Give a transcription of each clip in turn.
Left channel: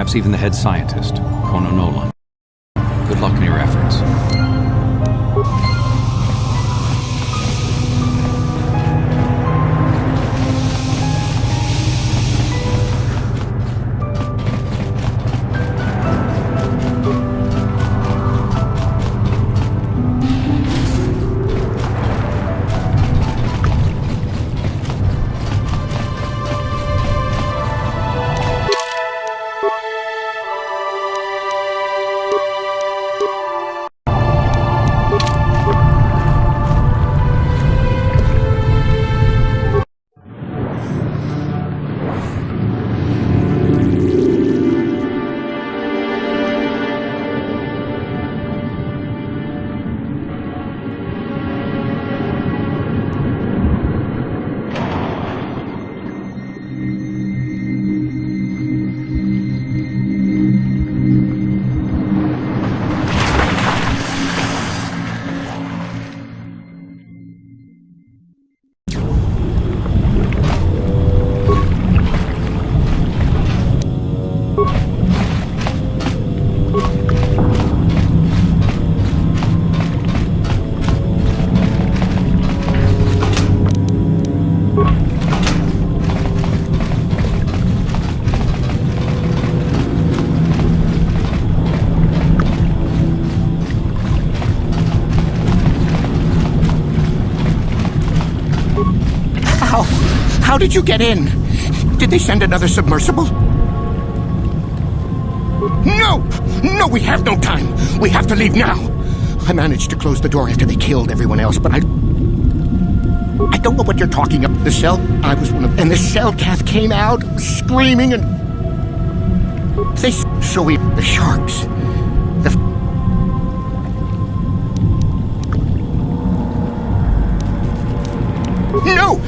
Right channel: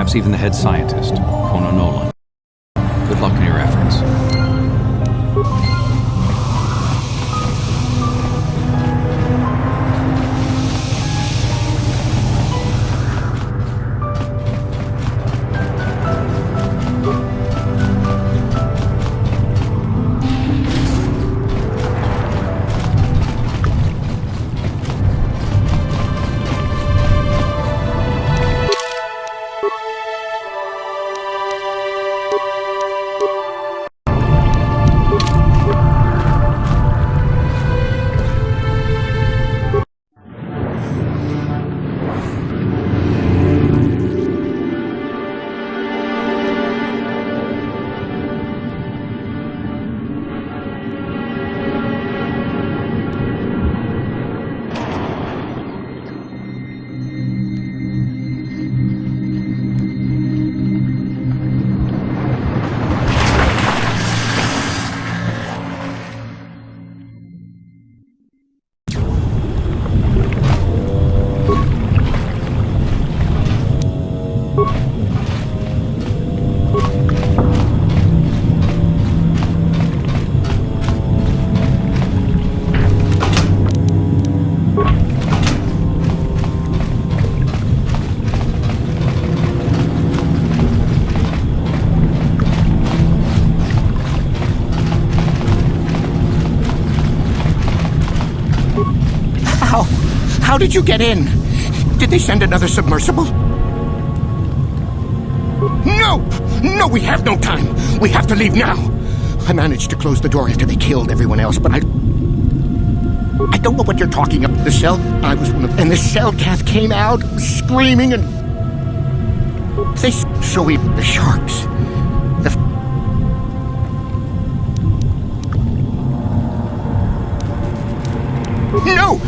perhaps even the head scientist, Kono Nolan. Good luck in your efforts. How did you get in? Did they send another submersible? No! No, we have no time! We have to leave now! I managed to close the door after they killed everyone else, but I don't know what you're talking about. The cell... I was one of... And the cell cath came out, screaming, and... They... So we... The sharks... No!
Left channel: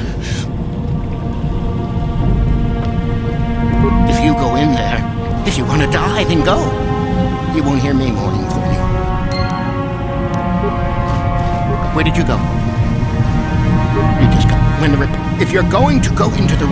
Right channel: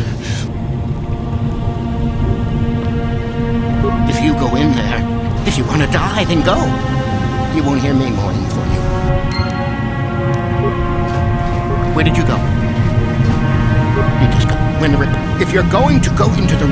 If you go in there, if you want to die, then go. You won't hear me mourning for you. Where did you go? You just go. When the if you're going to go into the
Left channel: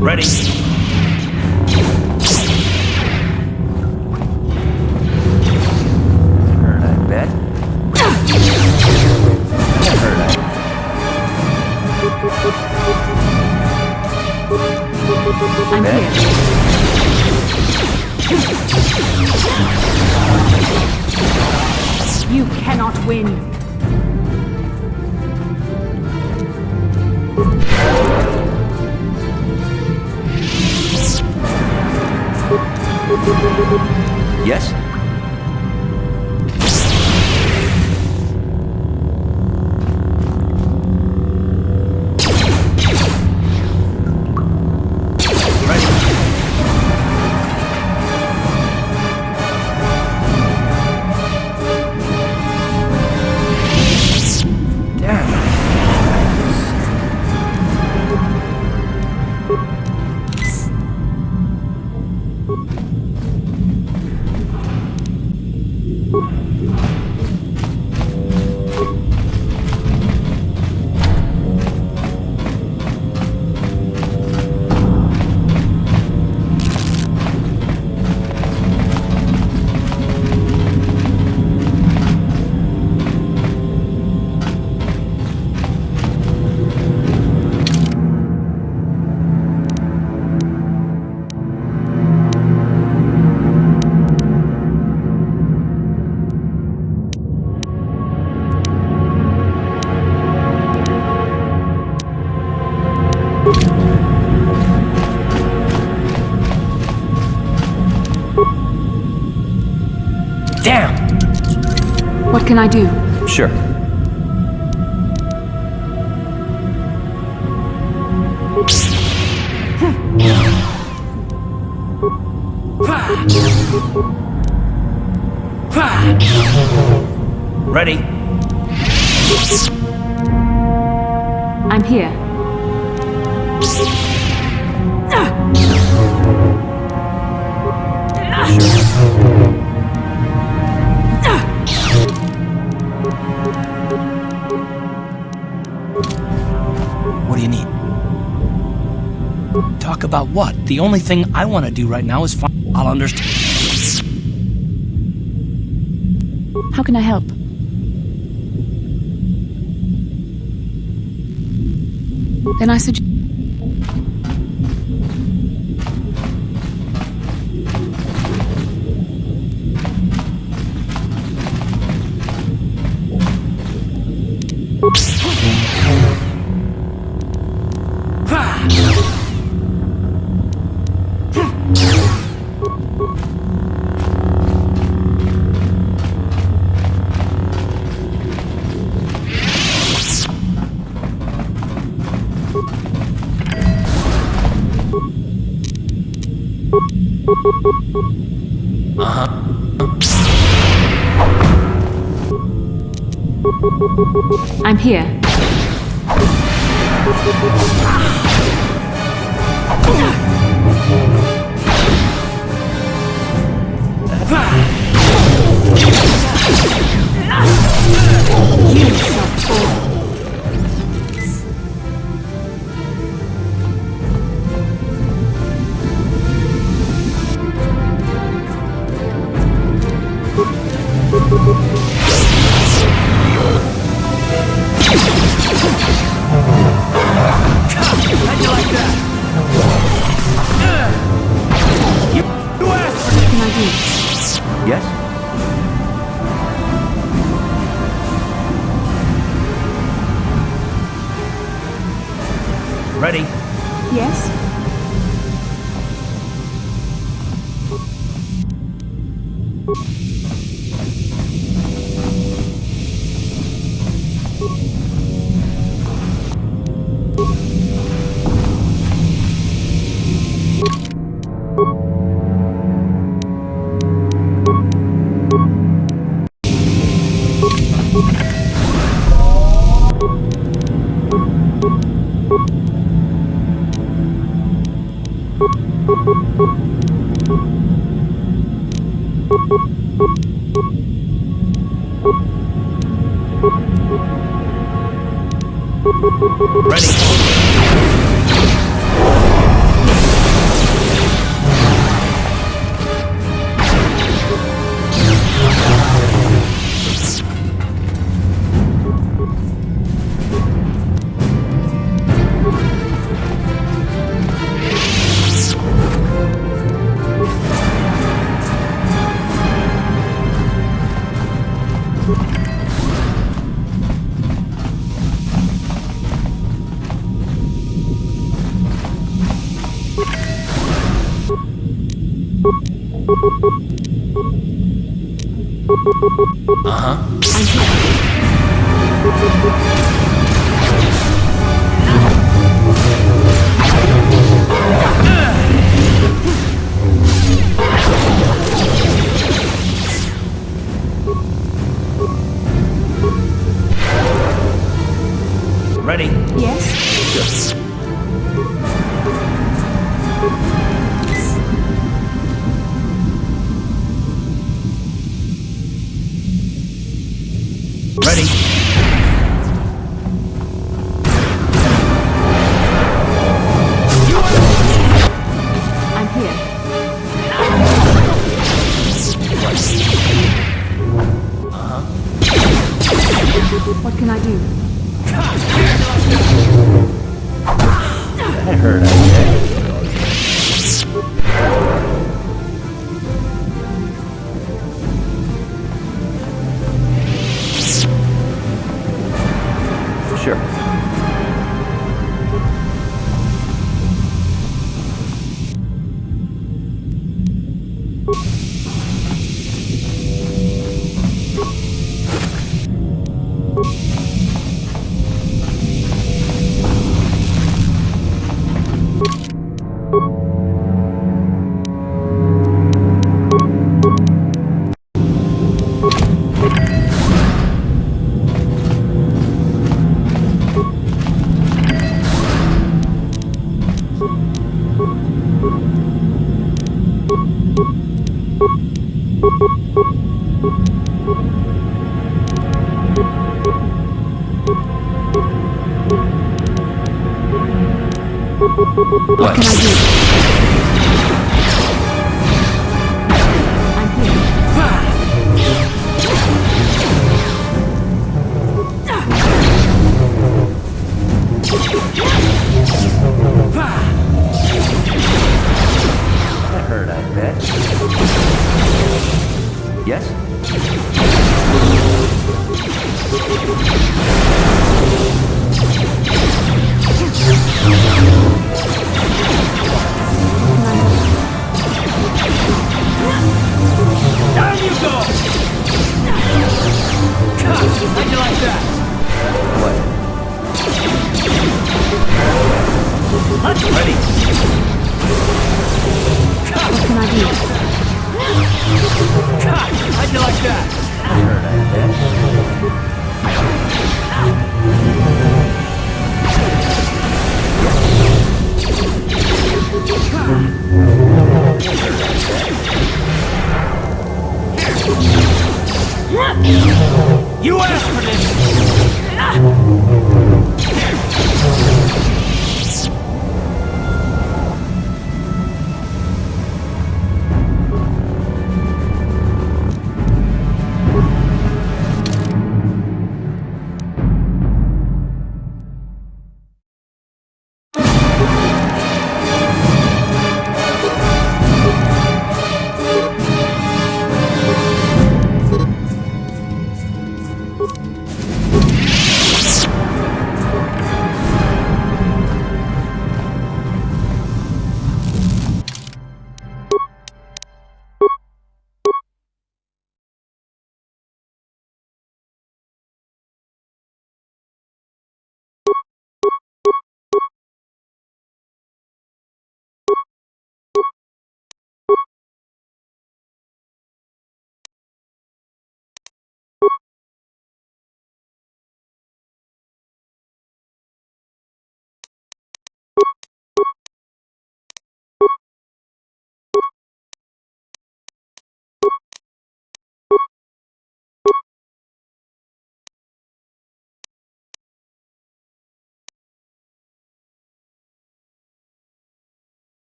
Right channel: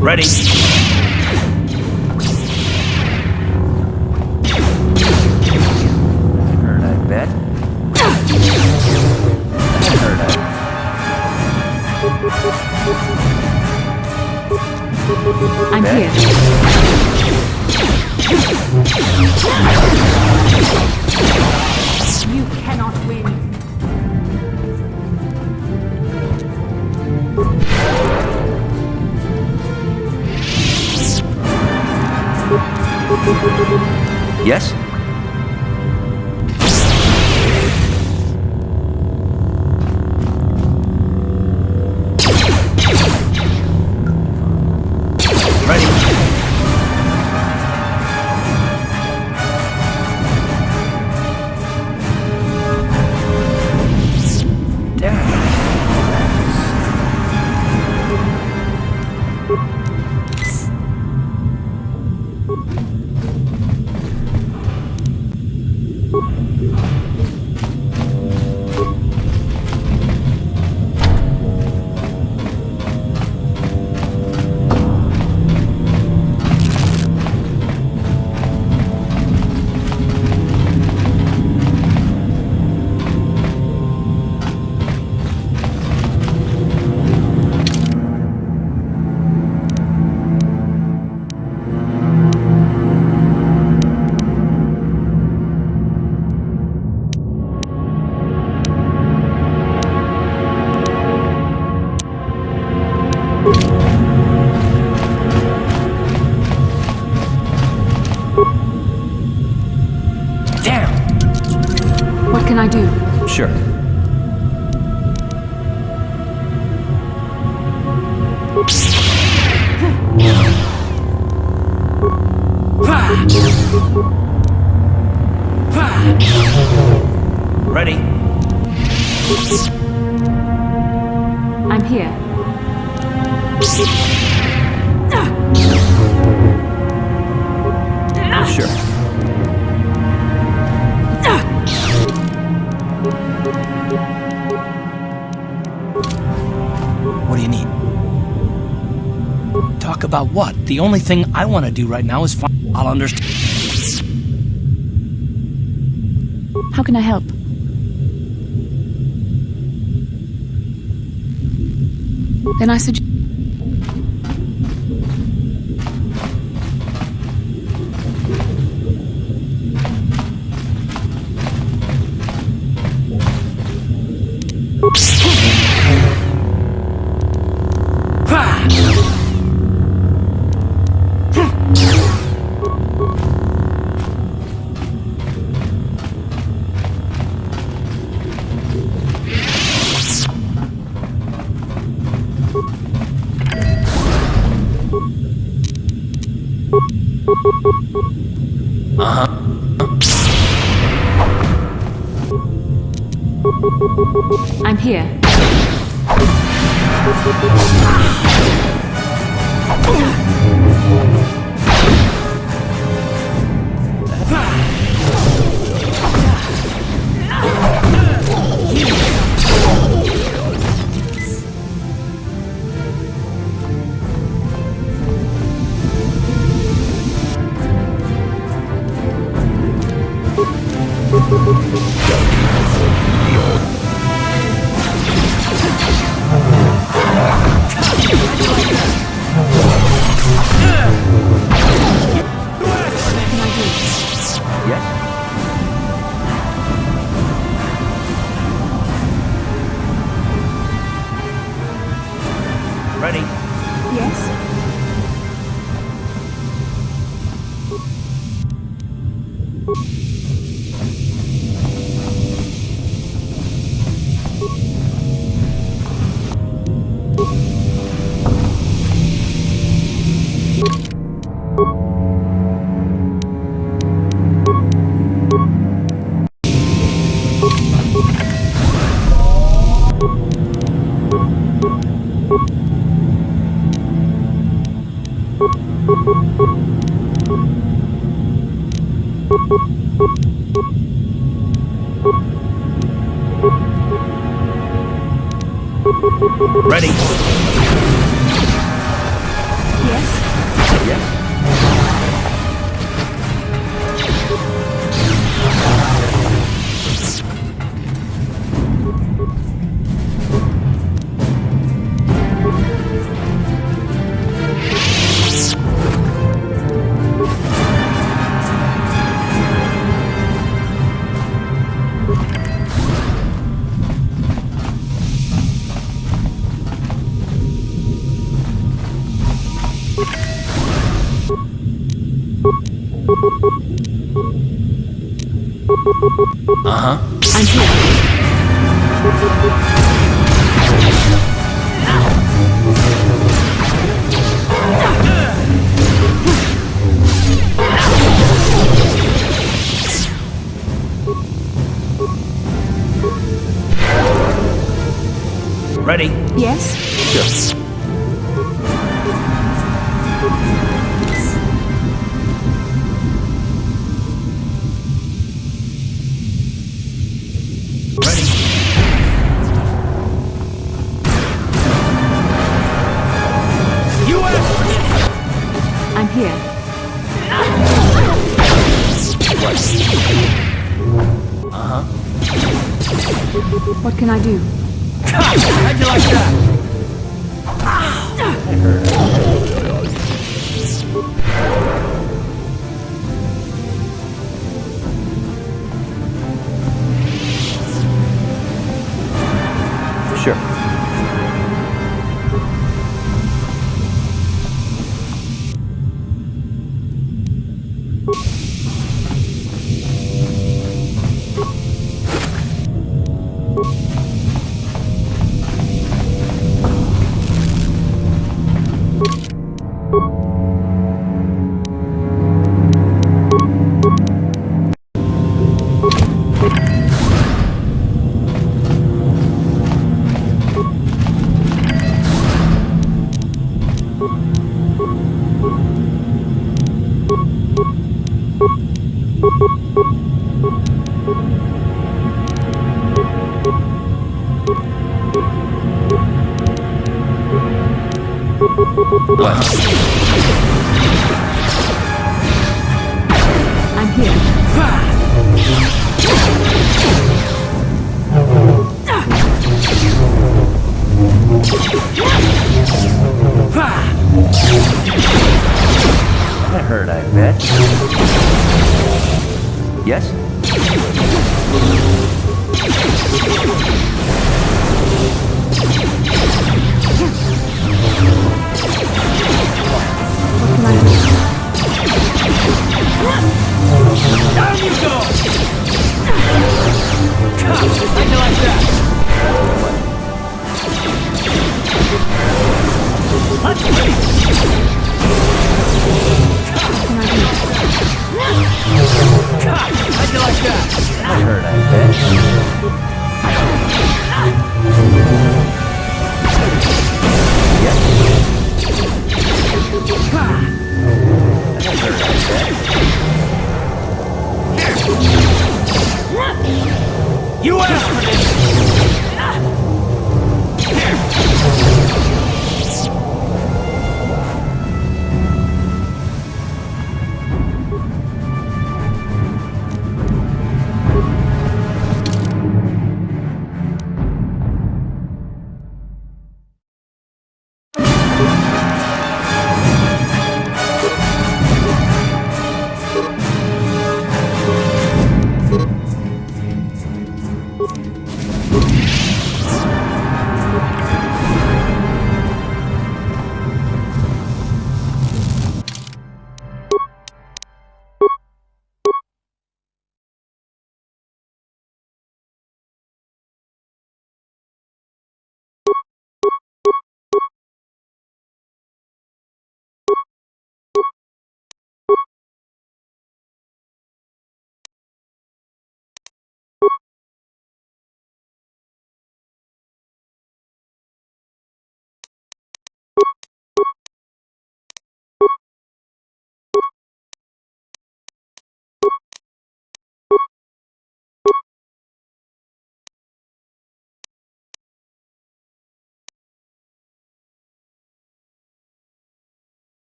Ready. Heard, I bet. Heard, I... I'm here. You cannot win. Yes? Damn! What can I do? Sure. Ready? I'm here. Sure. What do you need? Talk about what? The only thing I want to do right now is find... I'll understand. How can I help? Then I suggest... I'm here. Yes? Ready? Yes? Ready? I'm here. Ready? Yes? Sure. Ready? I'm here. What can I do? That hurt, Sure. What can I do? I'm here. That hurt, I bet. Yes? What can I do? Down you go! How'd you like that? What? Let's ready! What can I do? How'd you like that? That hurt, I bet. Yes? That hurt, I bet. You asked for this!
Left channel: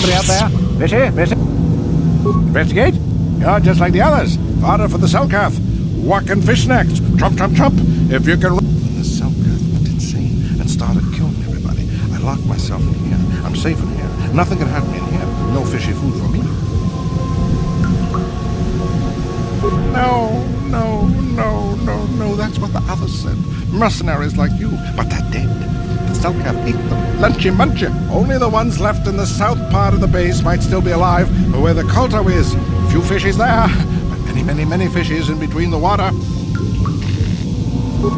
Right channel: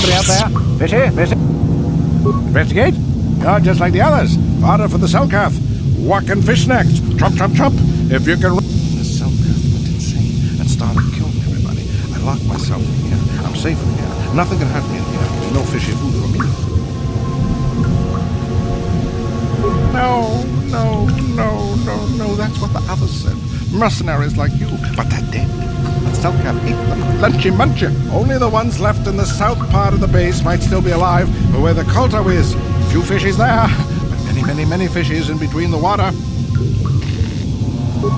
Somebody out there? Fishy? Fishy? Investigate? You're just like the others. Fodder for the Selkath. Walking fish snacks. Trump, trump, trump. If you can... The Selkath went insane and started killing everybody. I locked myself in here. I'm safe in here. Nothing can hurt me in here. No fishy food for me. No, no, no, no, no. That's what the others said. Mercenaries like you. But they're dead. The Selkath ate them. Lunchy munchy. Only the ones left in the south part of the base might still be alive, where the kotor is. Few fishies there, but many, many, many fishies in between the water.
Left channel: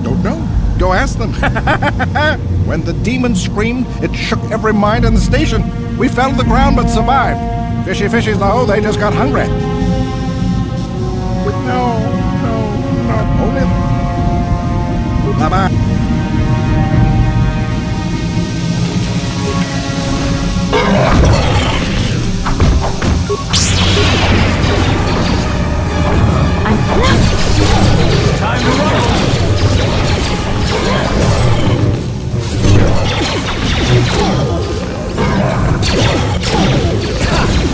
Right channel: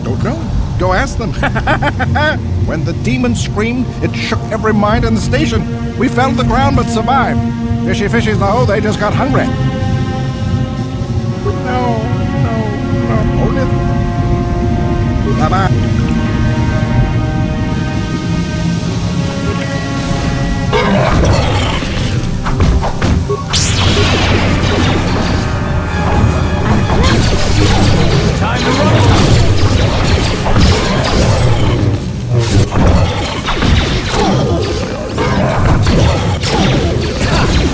Don't know. Go ask them. When the demon screamed, it shook every mind in the station. We fell to the ground but survived. Fishy fishies, though, they just got hungry. No, no, no. Only... Bye-bye. Time to roll!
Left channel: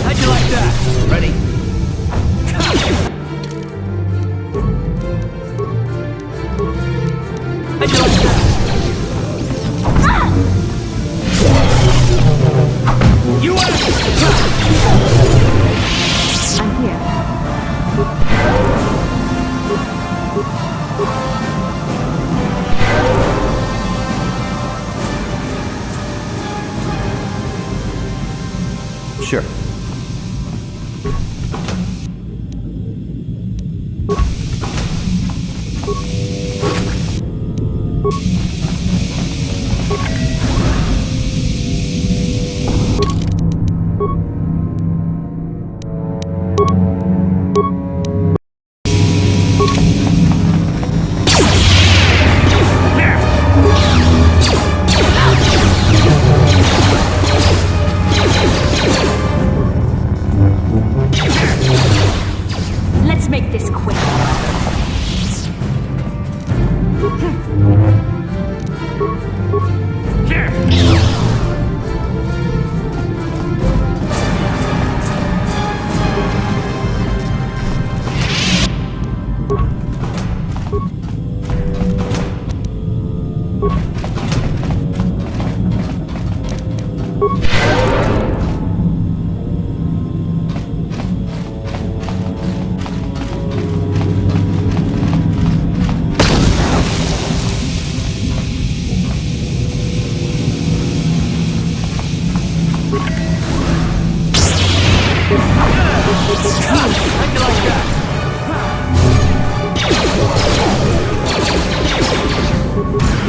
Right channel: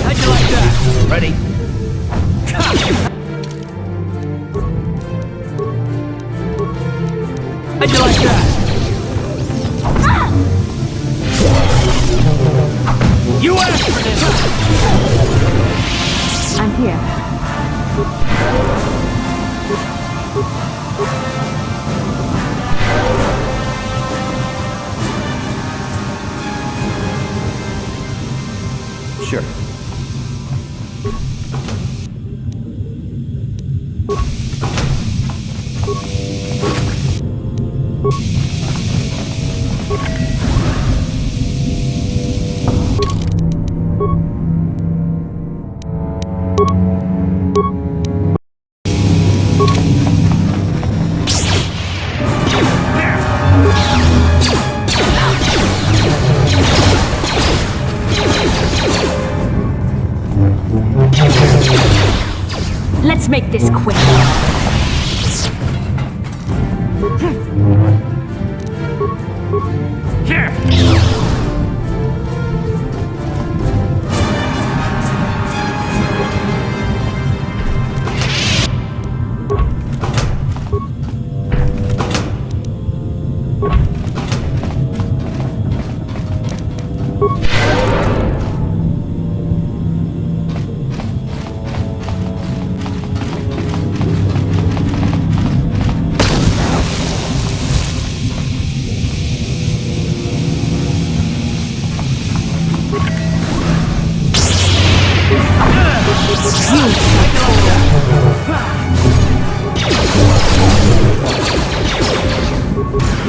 How'd you like that? Ready? How'd you like that? You asked for this! I'm here. Sure. Let's make this quick.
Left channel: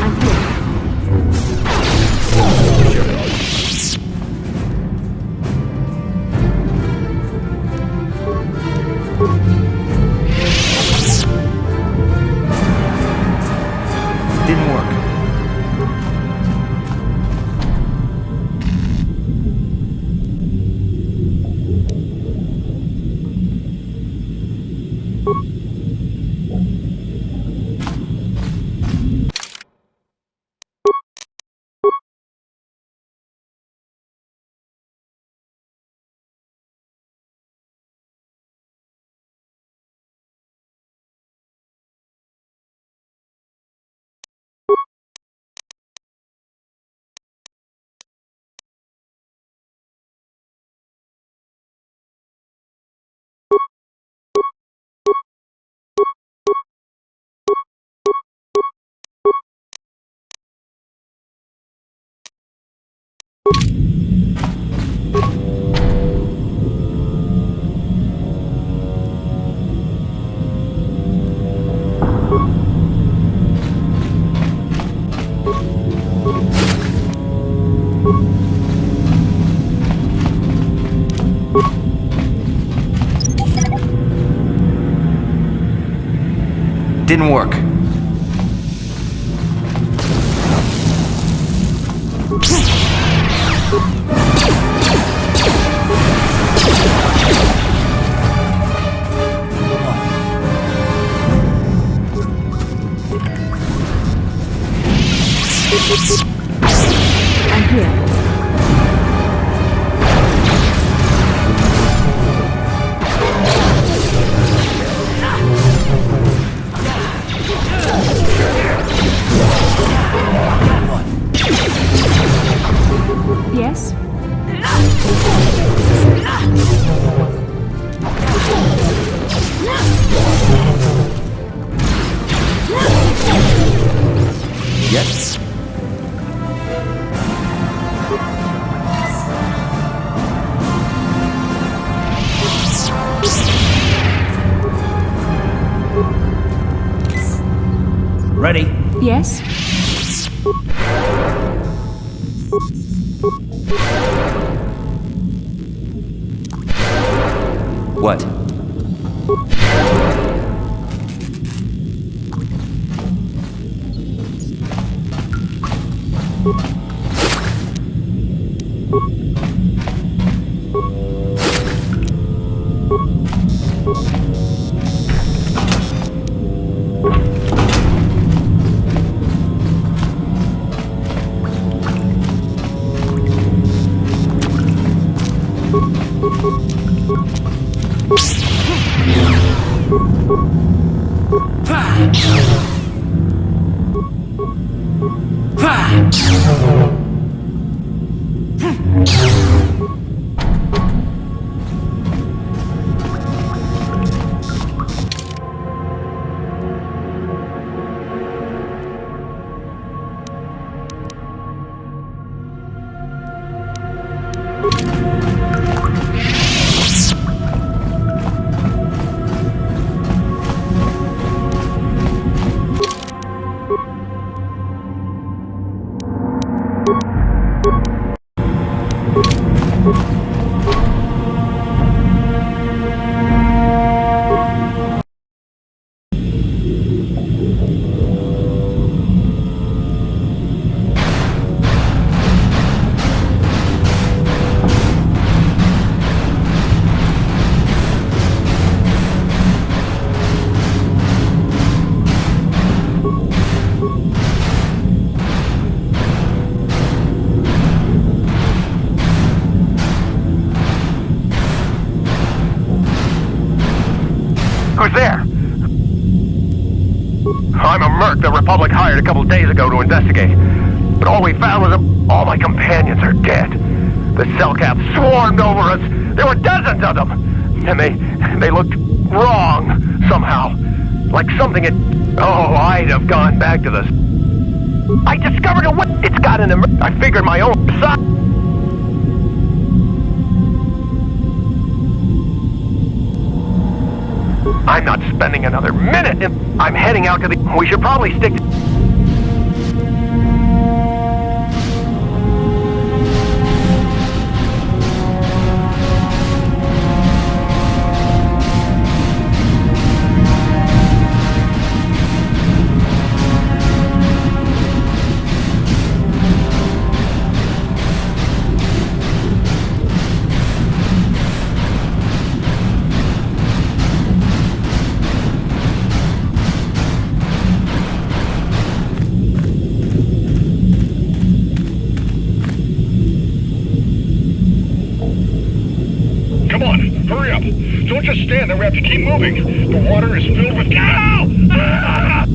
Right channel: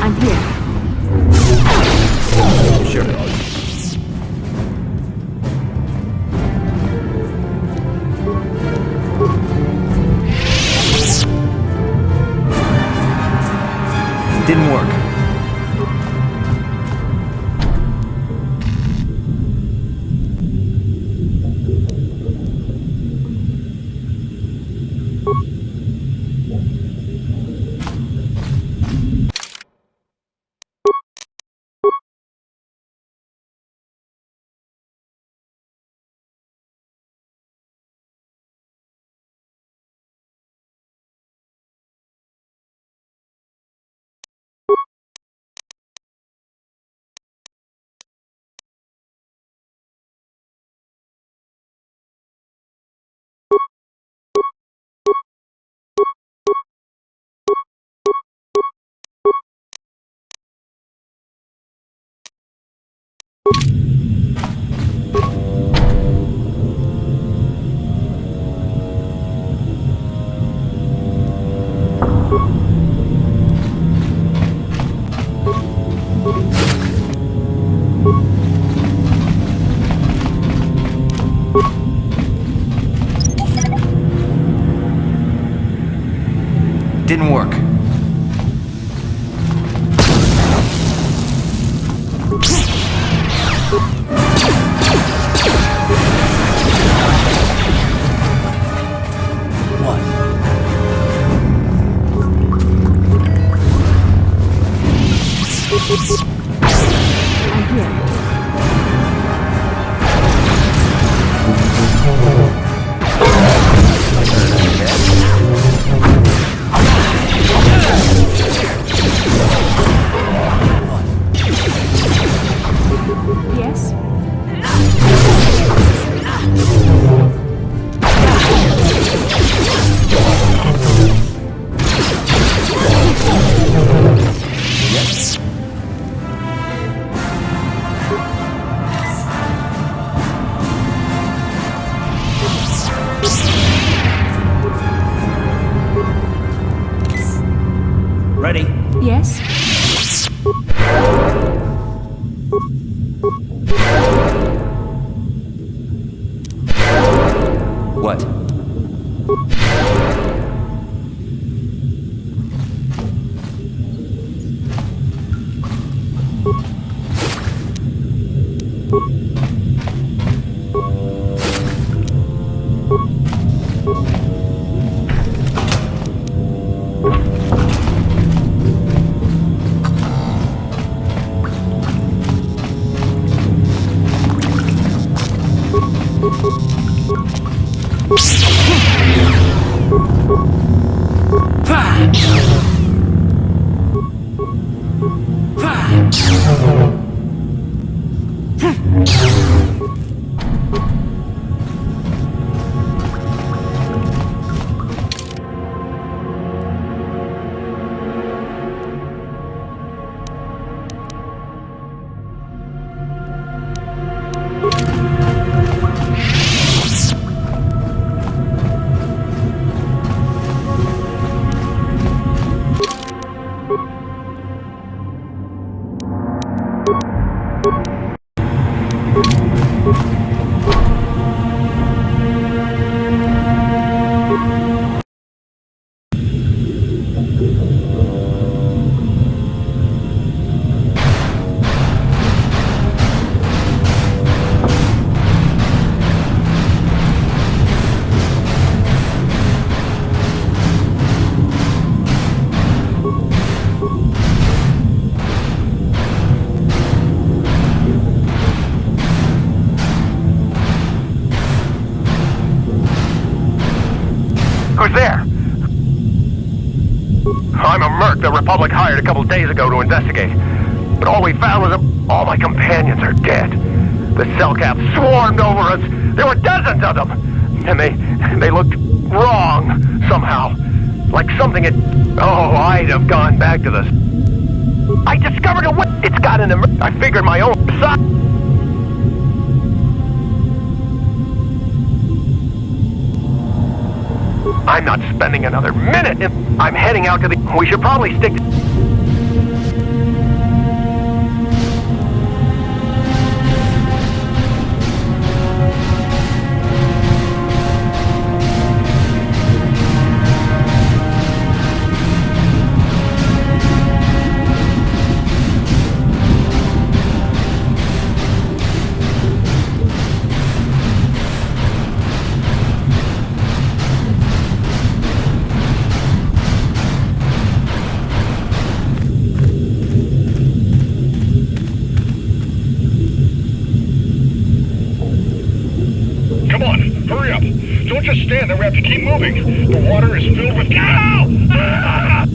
I'm here. Sure. Didn't work. Didn't work. What? I'm here. Yes? Yes. Ready? Yes? What? Who's there? I'm a merc the Republic hired a couple days ago to investigate. But all we found was all my companions are dead. The cell caps swarmed over us. There were dozens of them. And they looked wrong somehow. Like something had... Oh, I'd have gone back to the... I discovered a way. It's got an... I figured my own... I'm not spending another minute. I'm heading out to the... We should probably stick to... Come on, hurry up. Don't just stand there, we have to keep moving. The water is filled with... Ow! Ah!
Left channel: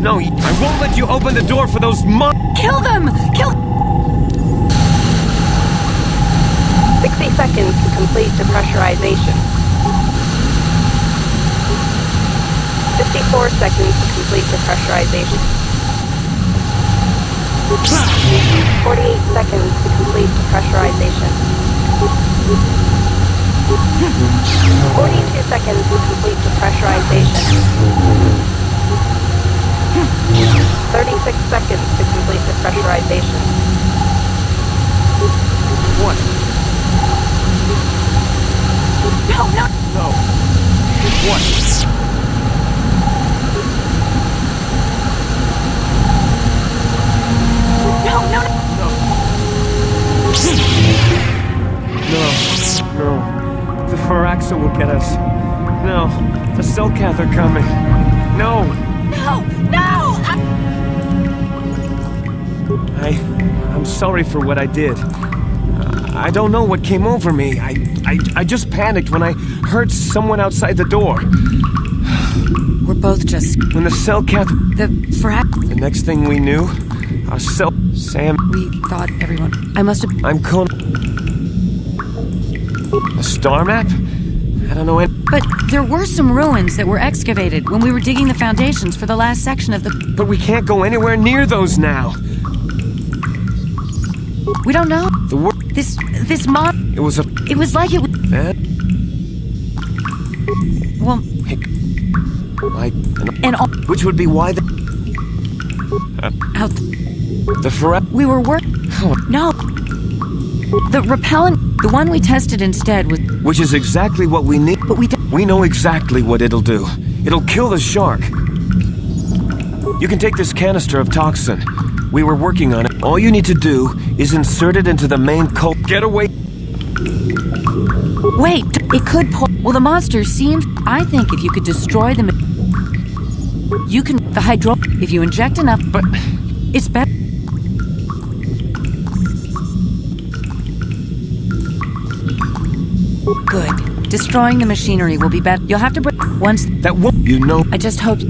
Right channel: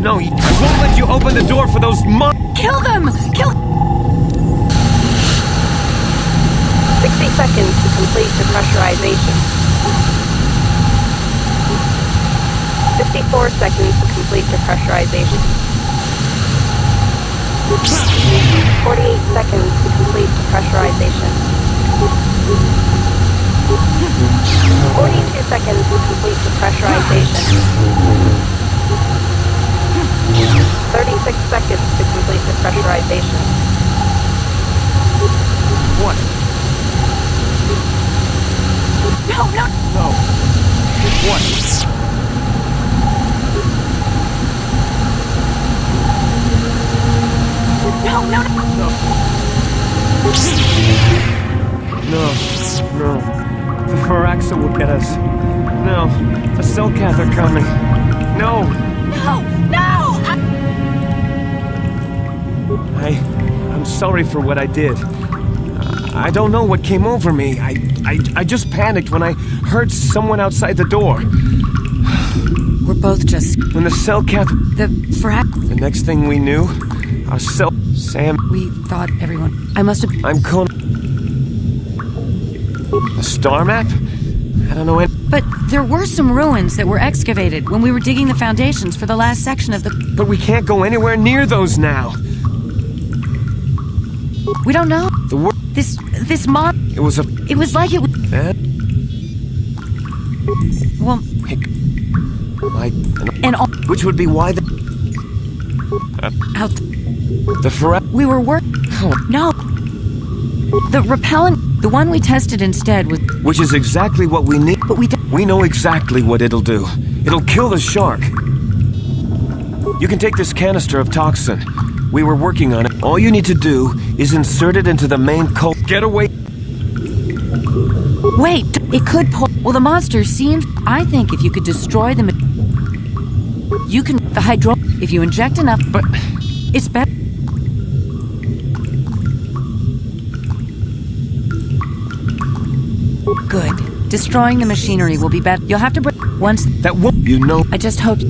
No, I won't let you open the door for those Kill them! Kill... 60 seconds to complete depressurization. 54 seconds to complete depressurization. 48 seconds to complete depressurization. seconds to complete depressurization. 36 seconds to complete depressurization. What? No, no, No. What? no, no, no. No. No. The Faraxa will get us. No. The Selkath are coming. No. No, no! I'm sorry for what I did. I don't know what came over me. I just panicked when I heard someone outside the door. We're both just... When the Selkath... The next thing we knew, our Sam... We thought everyone... I must have... I'm Con... A star map? I don't know any... But there were some ruins that were excavated when we were digging the foundations for the last section of the... But we can't go anywhere near those now. We don't know. The word... This mod... It was a... It was like it was... That... Well... Like... And all... Which would be why the... Out... The Faraxa... We were No. The repellent... The one we tested instead was... Which is exactly what we need. But we know exactly what it'll do. It'll kill the shark. You can take this canister of toxin. We were working on it. All you need to do is insert it into the main Get away! Wait, it could pull... Well, the monster seems... I think if you could destroy them... You can... The hydro... If you inject enough... But... It's better... Good. Destroying the machinery will be better. You'll have to bring... Once... That won't... You know... I just hope...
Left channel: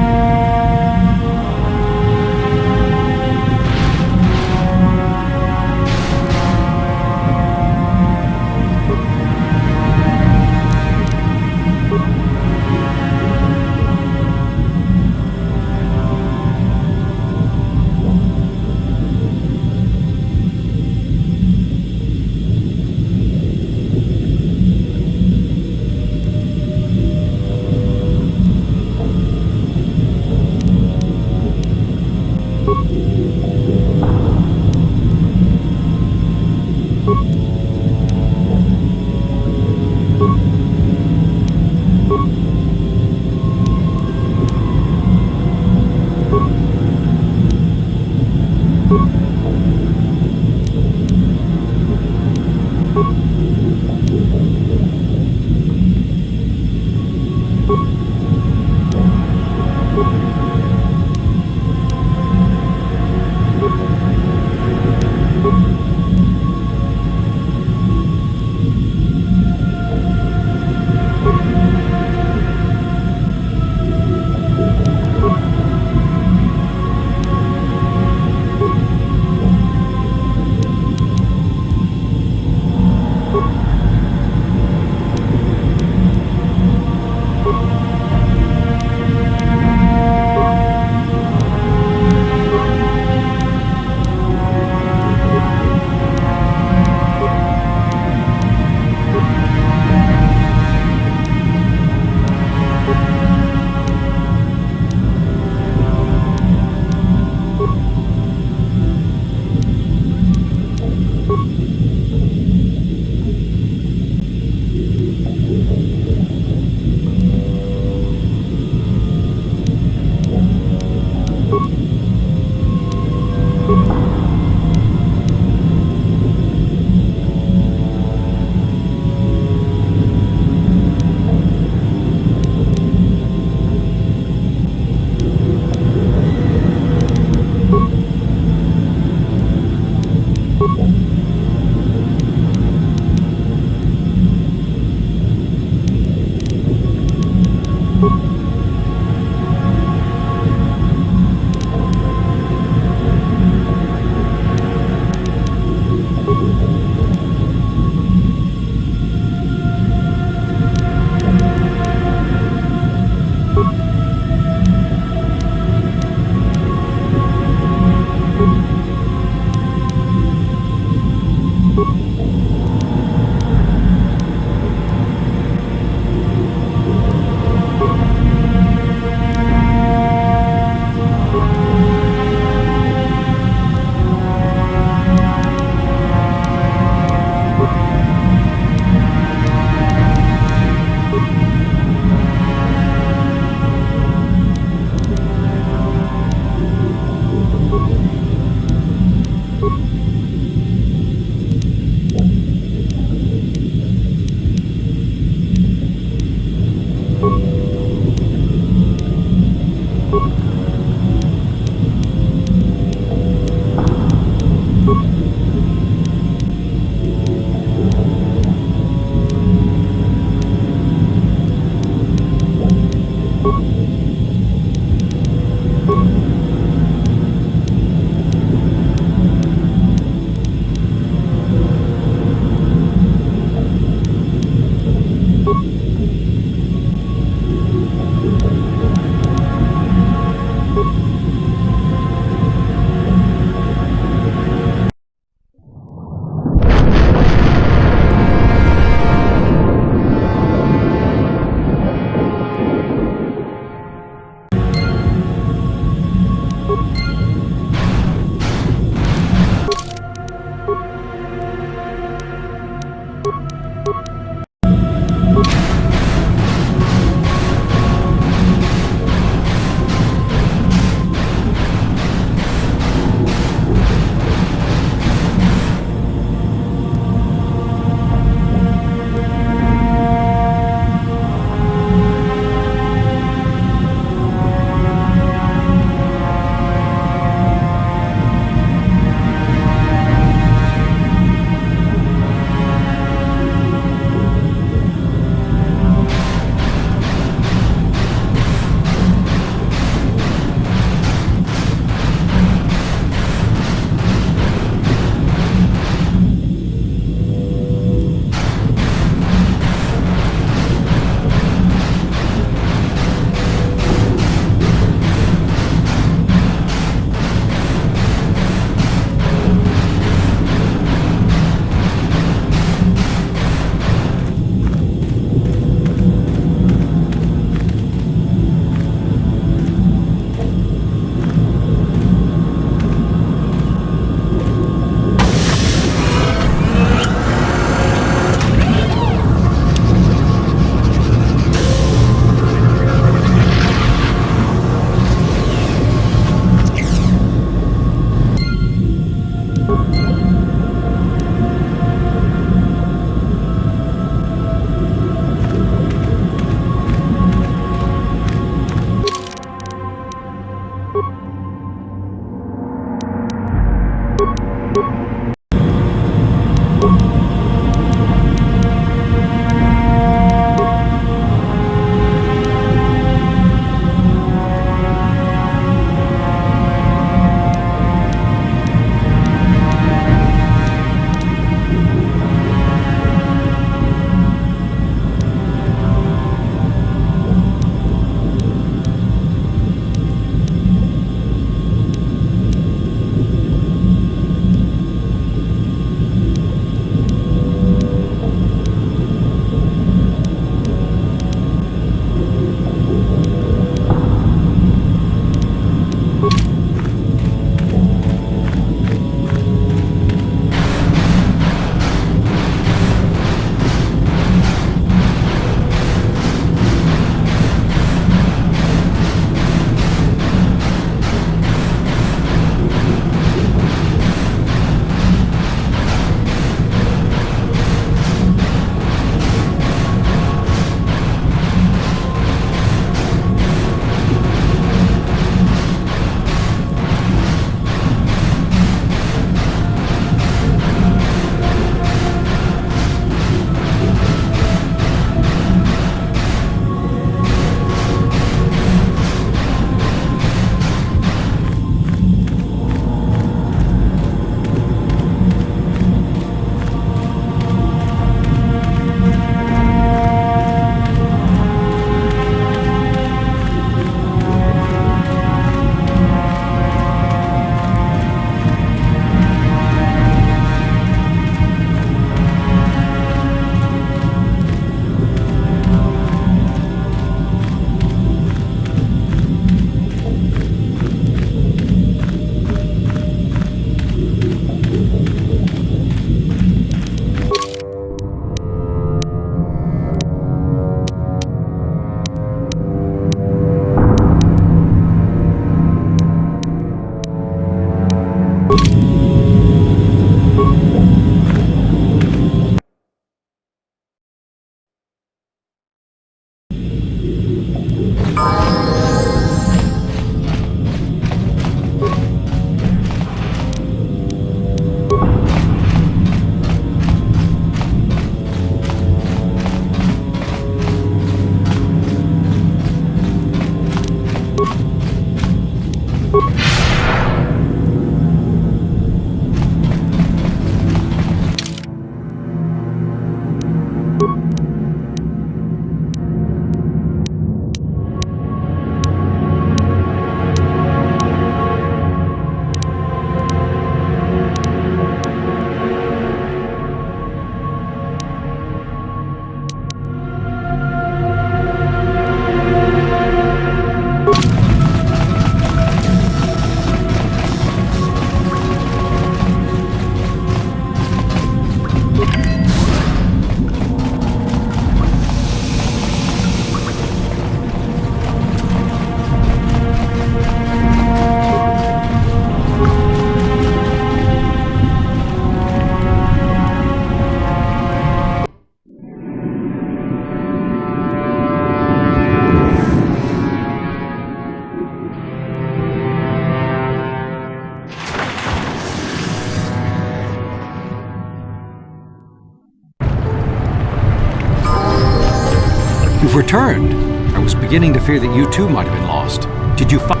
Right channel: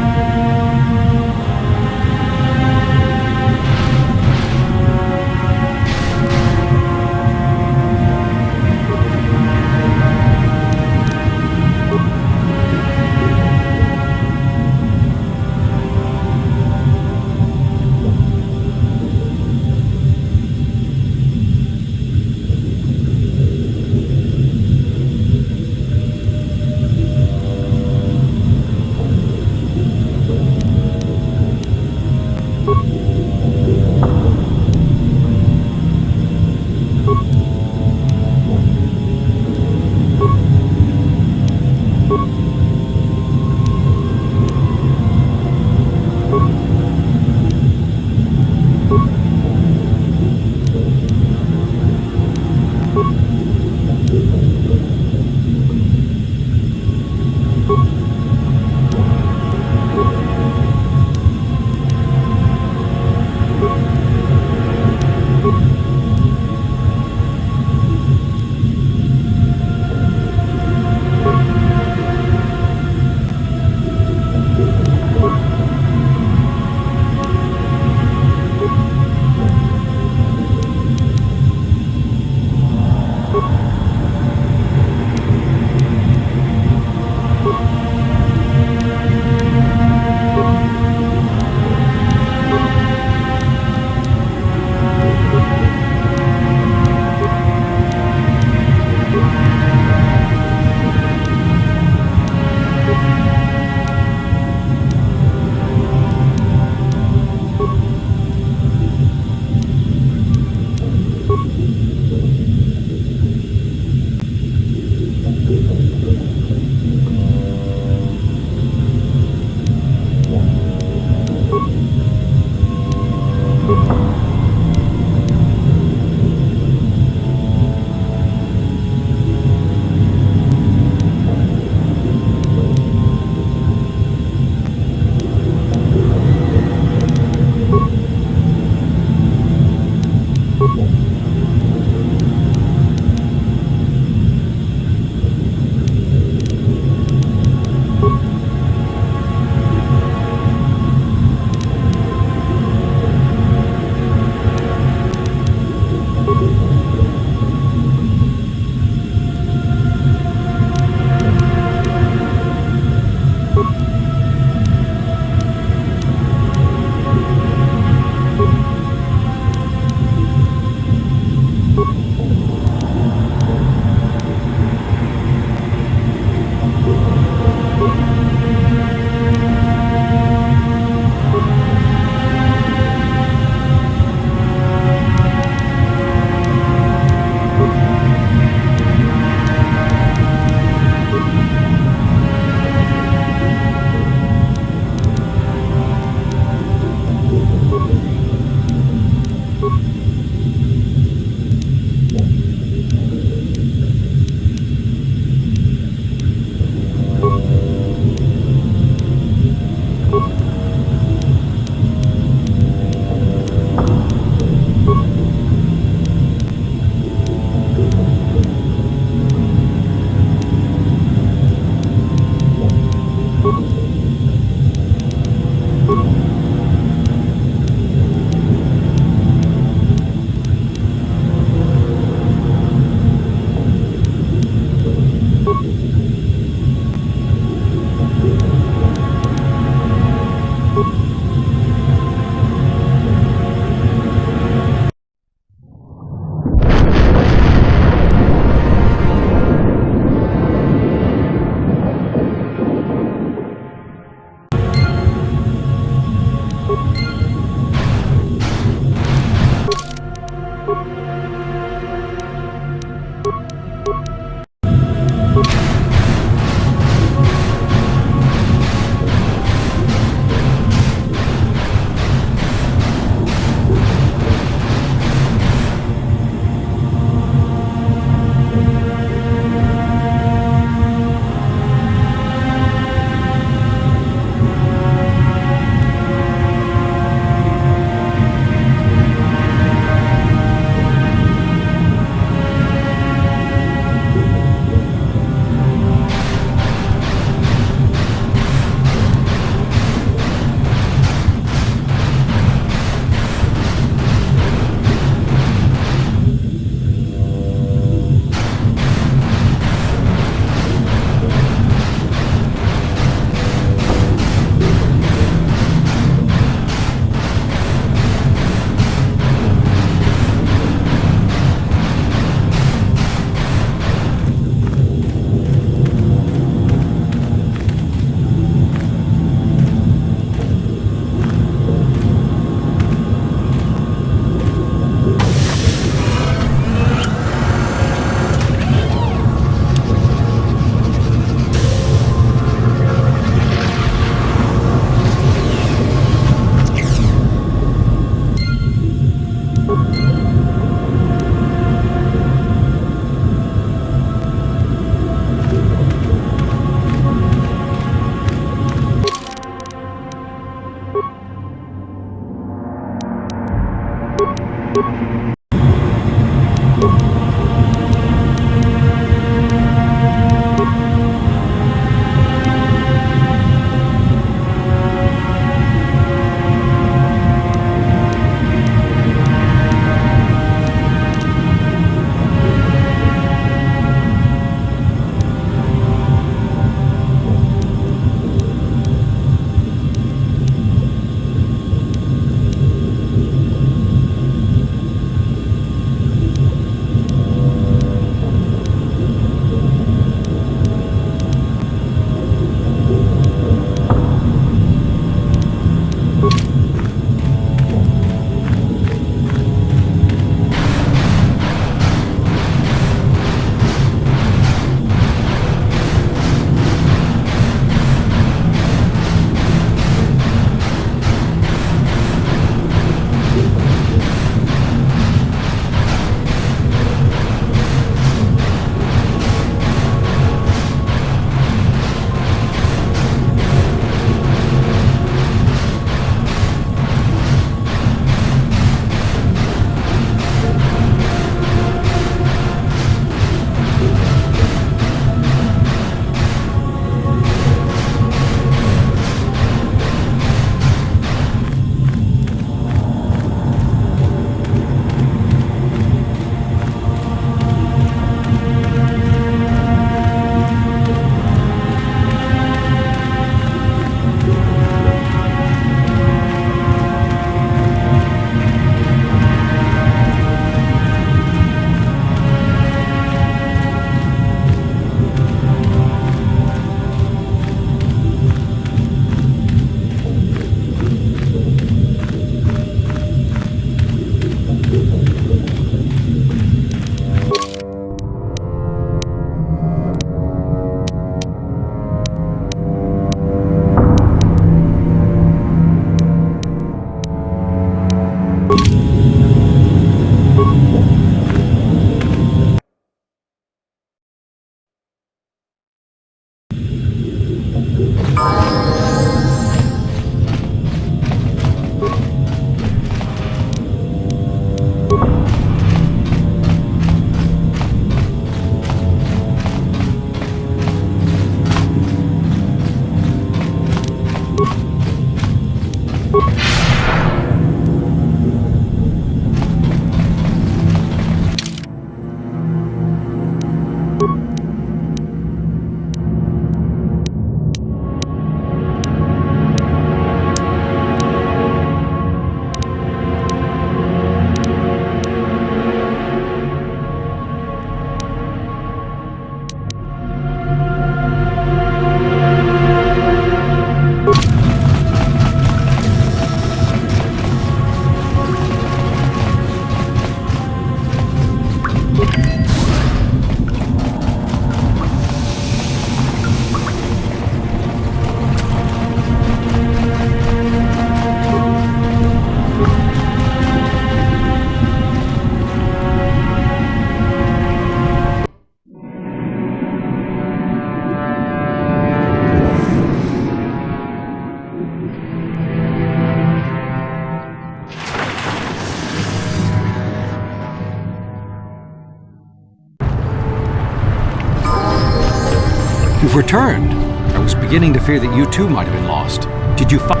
You've returned. I was beginning to fear that you too might have been lost. Did you find...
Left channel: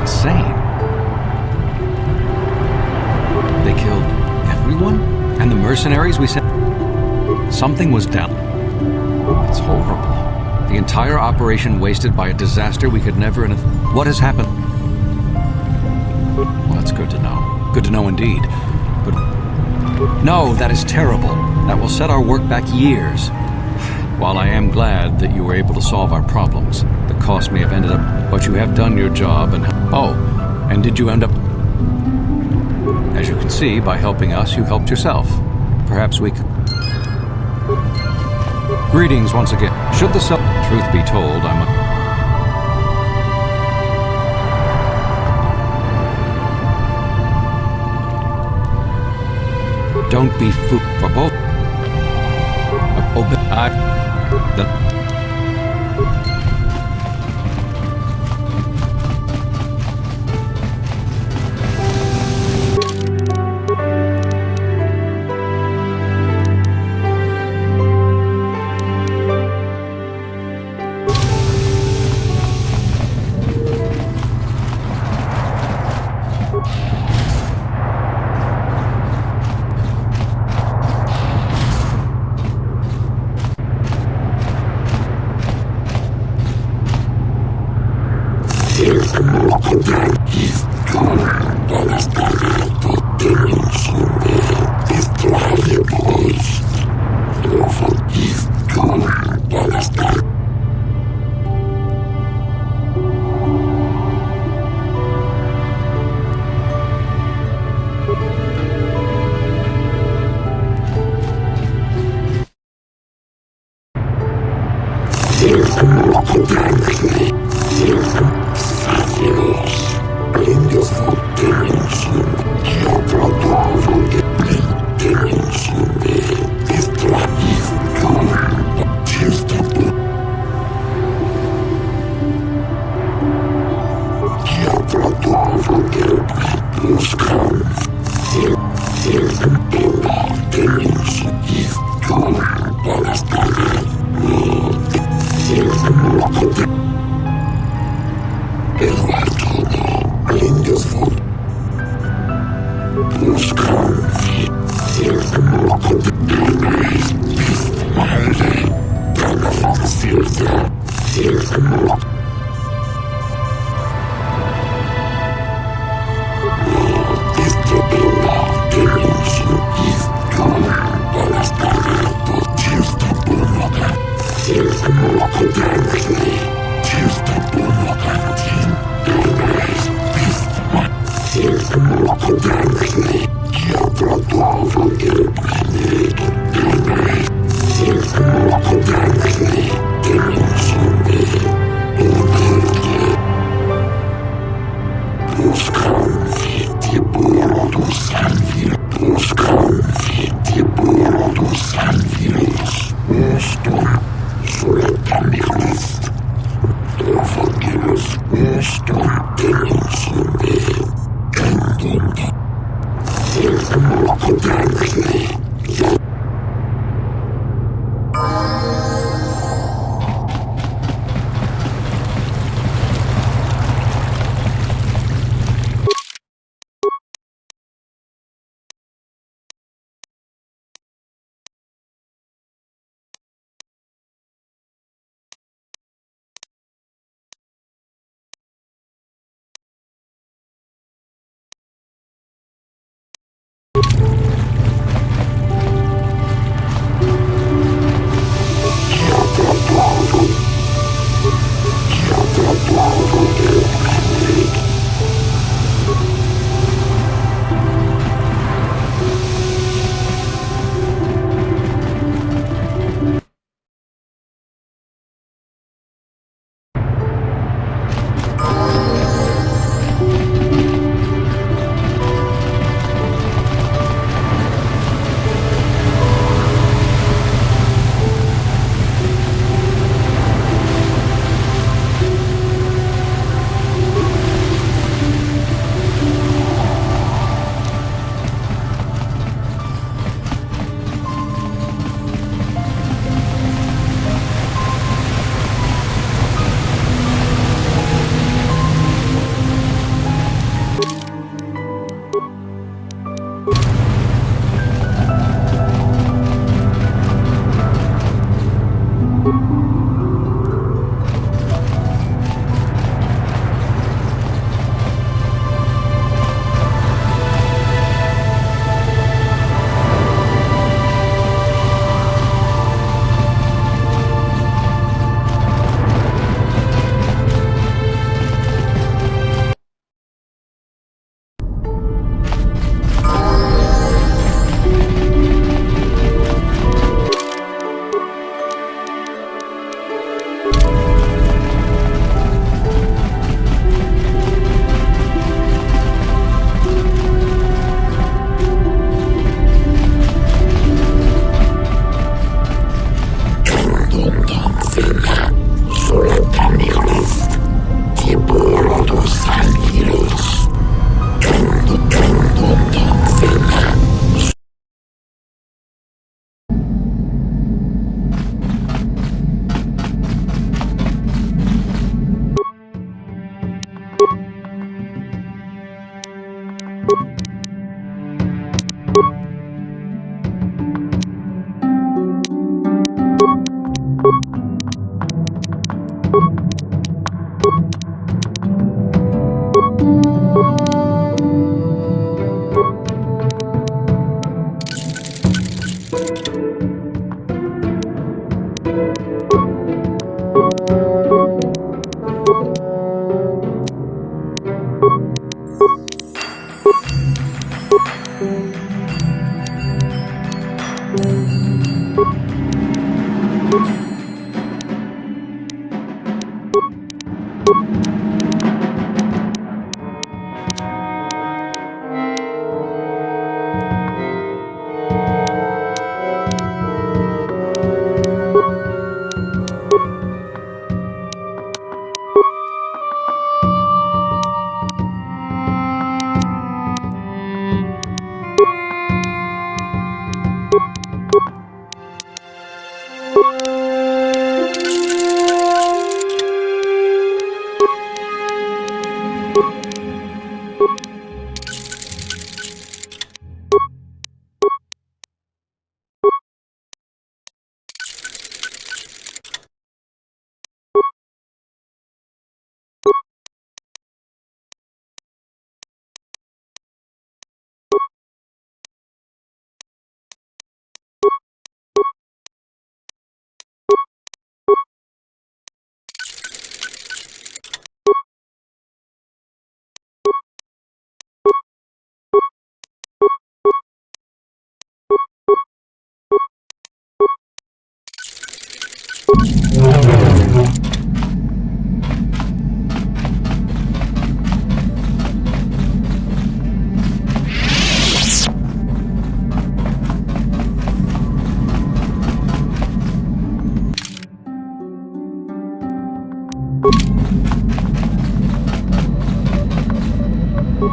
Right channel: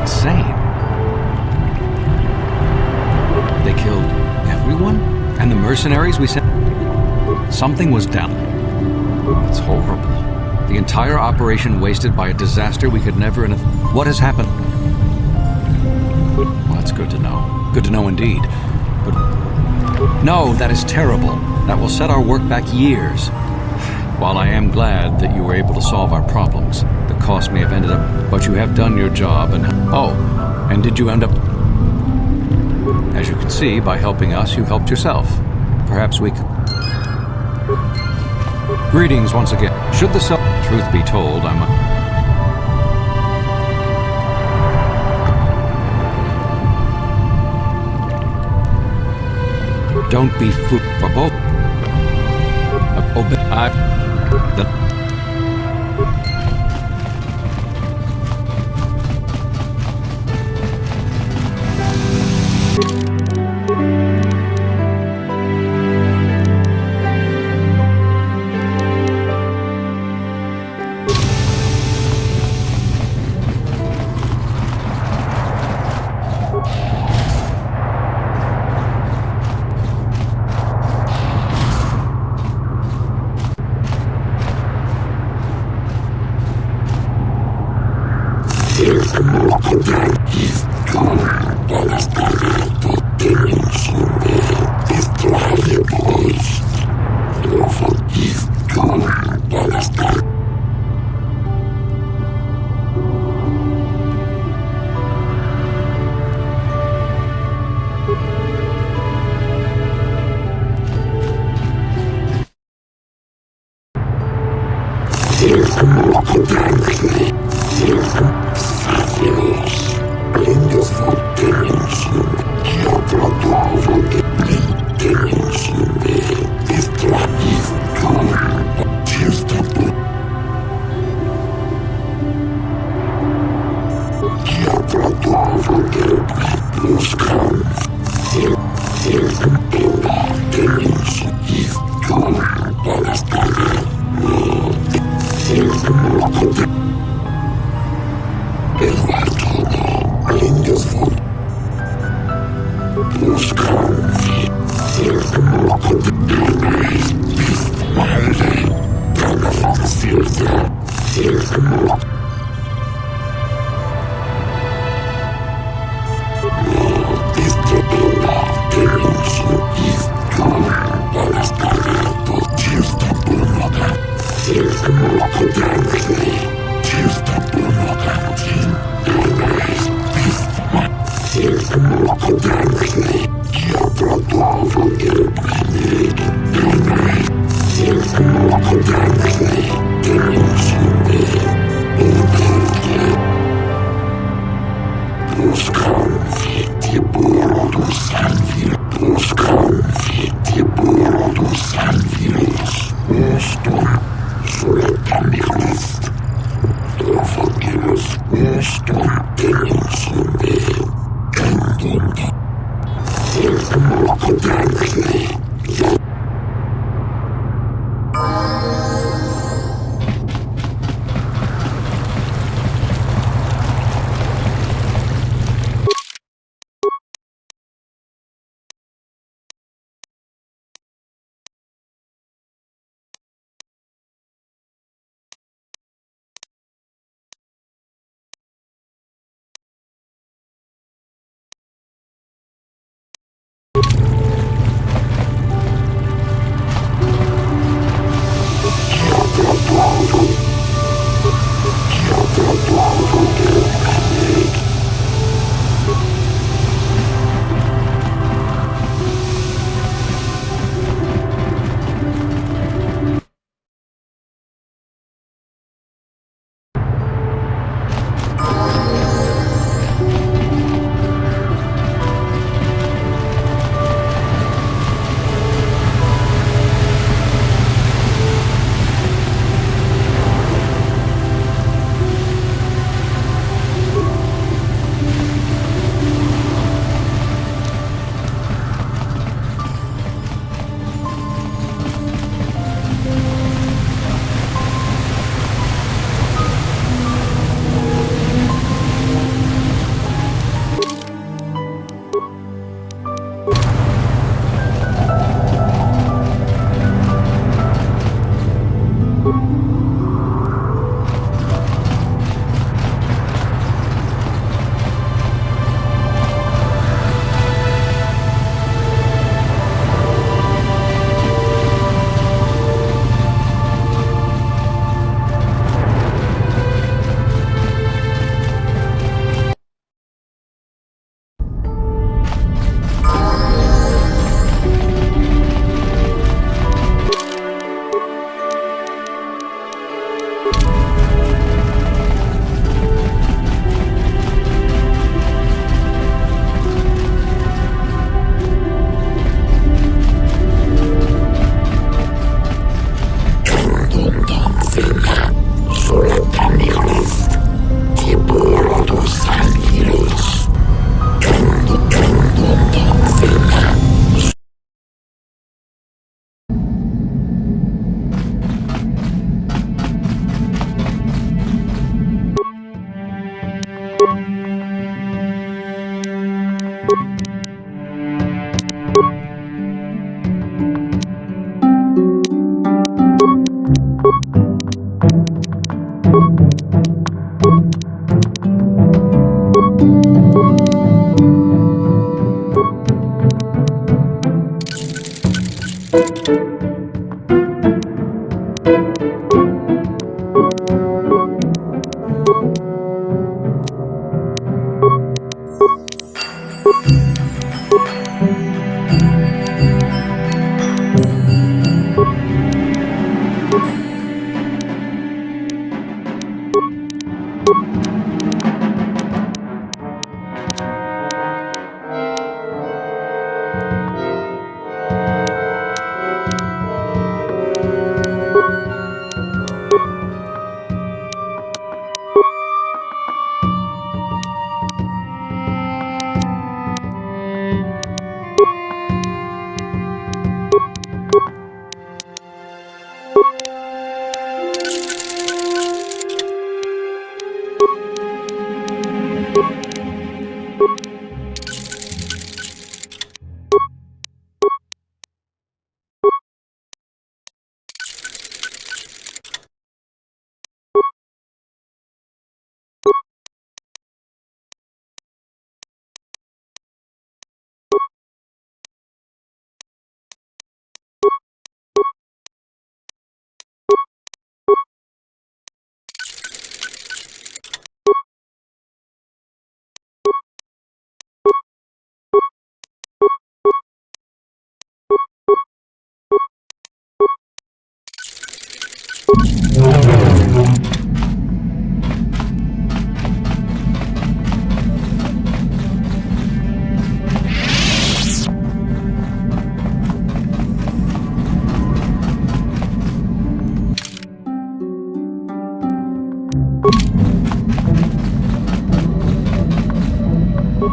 Insane. They killed everyone? And the mercenaries we sent? Something was down. It's horrible. The entire operation wasted by a disaster we could never... What has happened? Well, that's good to know. Good to know indeed. But... No, that is terrible. That will set our work back years. While I am glad that you were able to solve our problems, the cost may have ended up... But you have done your job and... Oh, and did you end up... As you can see, by helping us, you helped yourself. Perhaps we could... Greetings once again. Should the truth be told, I'm a... Don't be fooled for both.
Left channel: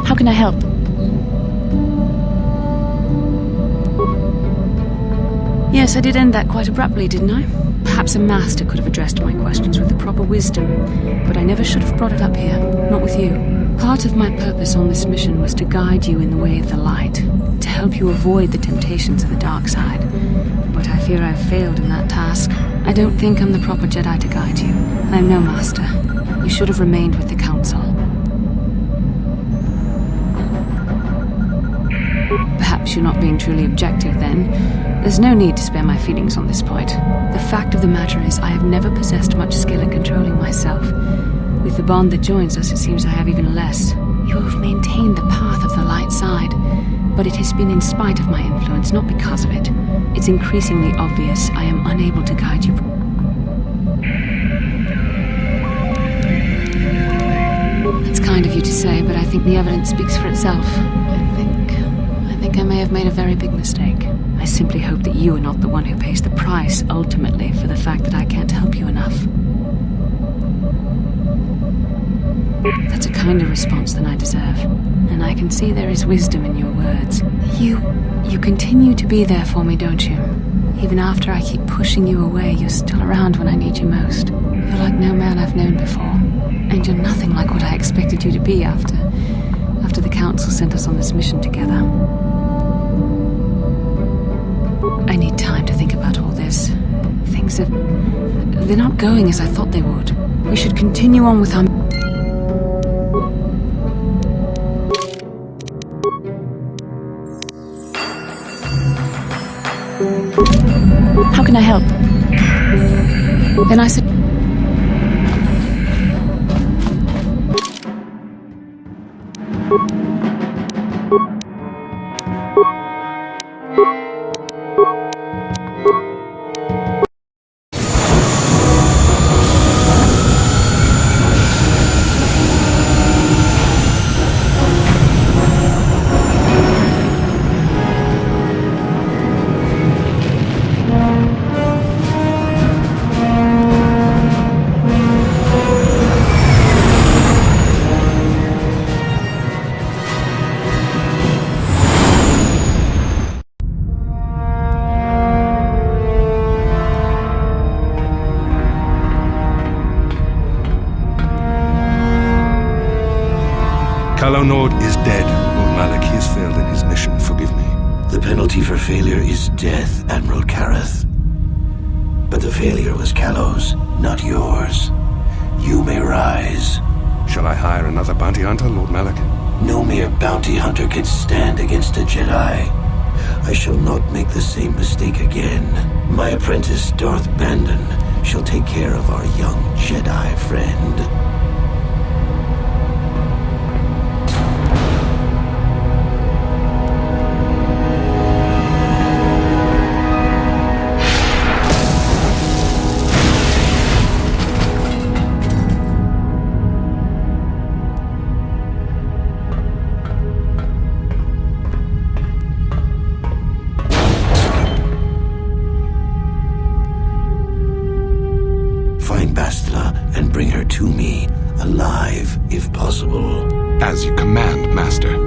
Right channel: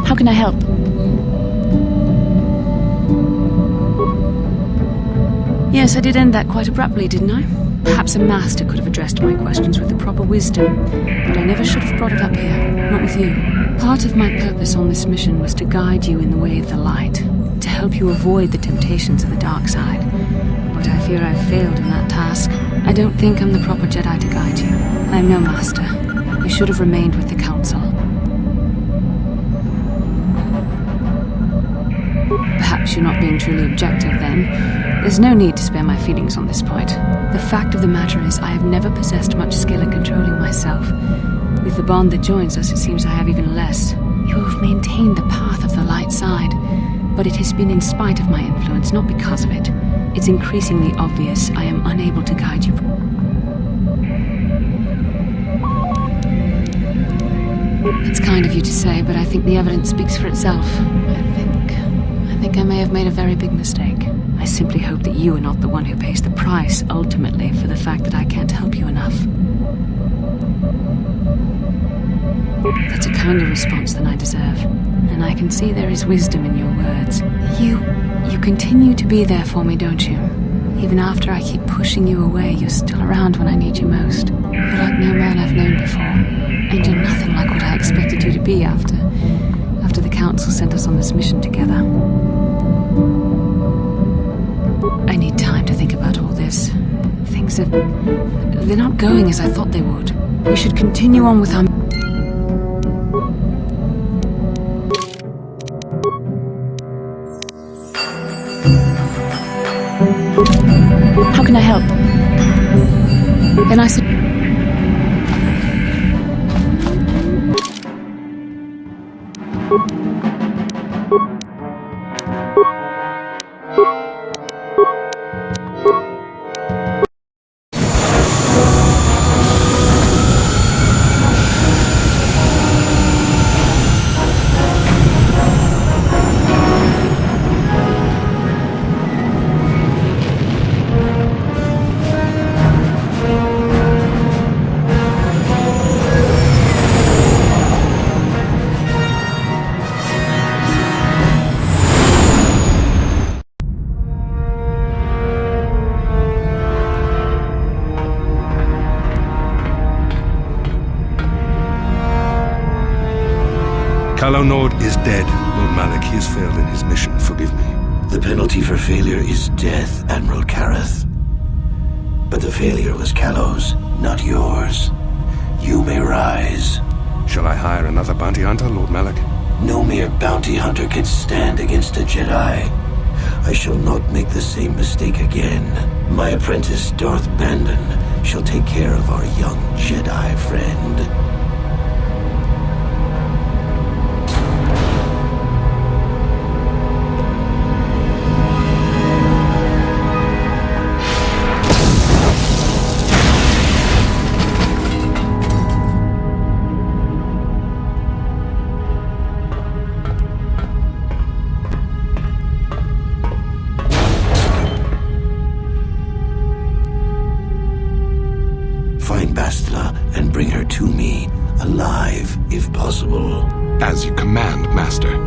How can I help? Yes, I did end that quite abruptly, didn't I? Perhaps a master could have addressed my questions with the proper wisdom, but I never should have brought it up here, not with you. Part of my purpose on this mission was to guide you in the way of the light, to help you avoid the temptations of the dark side. But I fear I've failed in that task. I don't think I'm the proper Jedi to guide you. I'm no master. You should have remained with the Council. Perhaps you're not being truly objective, then. There's no need to spare my feelings on this point. The fact of the matter is, I have never possessed much skill at controlling myself. With the bond that joins us, it seems I have even less. You have maintained the path of the light side, but it has been in spite of my influence, not because of it. It's increasingly obvious I am unable to guide you. That's kind of you to say, but I think the evidence speaks for itself. I think I may have made a very big mistake. I simply hope that you are not the one who pays the price, ultimately, for the fact that I can't help you enough. That's a kinder response than I deserve, and I can see there is wisdom in your words. You continue to be there for me, don't you? Even after I keep pushing you away, you're still around when I need you most. You're like no man I've known before, and you're nothing like what I expected you to be after the Council sent us on this mission together. I need time to think about all this. They're not going as I thought they would. We should continue on with our... How can I help? Then I said... Calo Nord is dead, Lord Malak. He has failed in his mission. Forgive me. The penalty for failure is death, Admiral Kareth. But the failure was Calo's, not yours. You may rise. Shall I hire another bounty hunter, Lord Malak? No mere bounty hunter can stand against a Jedi. I shall not make the same mistake again. My apprentice, Darth Bandon, shall take care of our young Jedi friend. Find Bastila and bring her to me, alive, if possible. As you command, Master.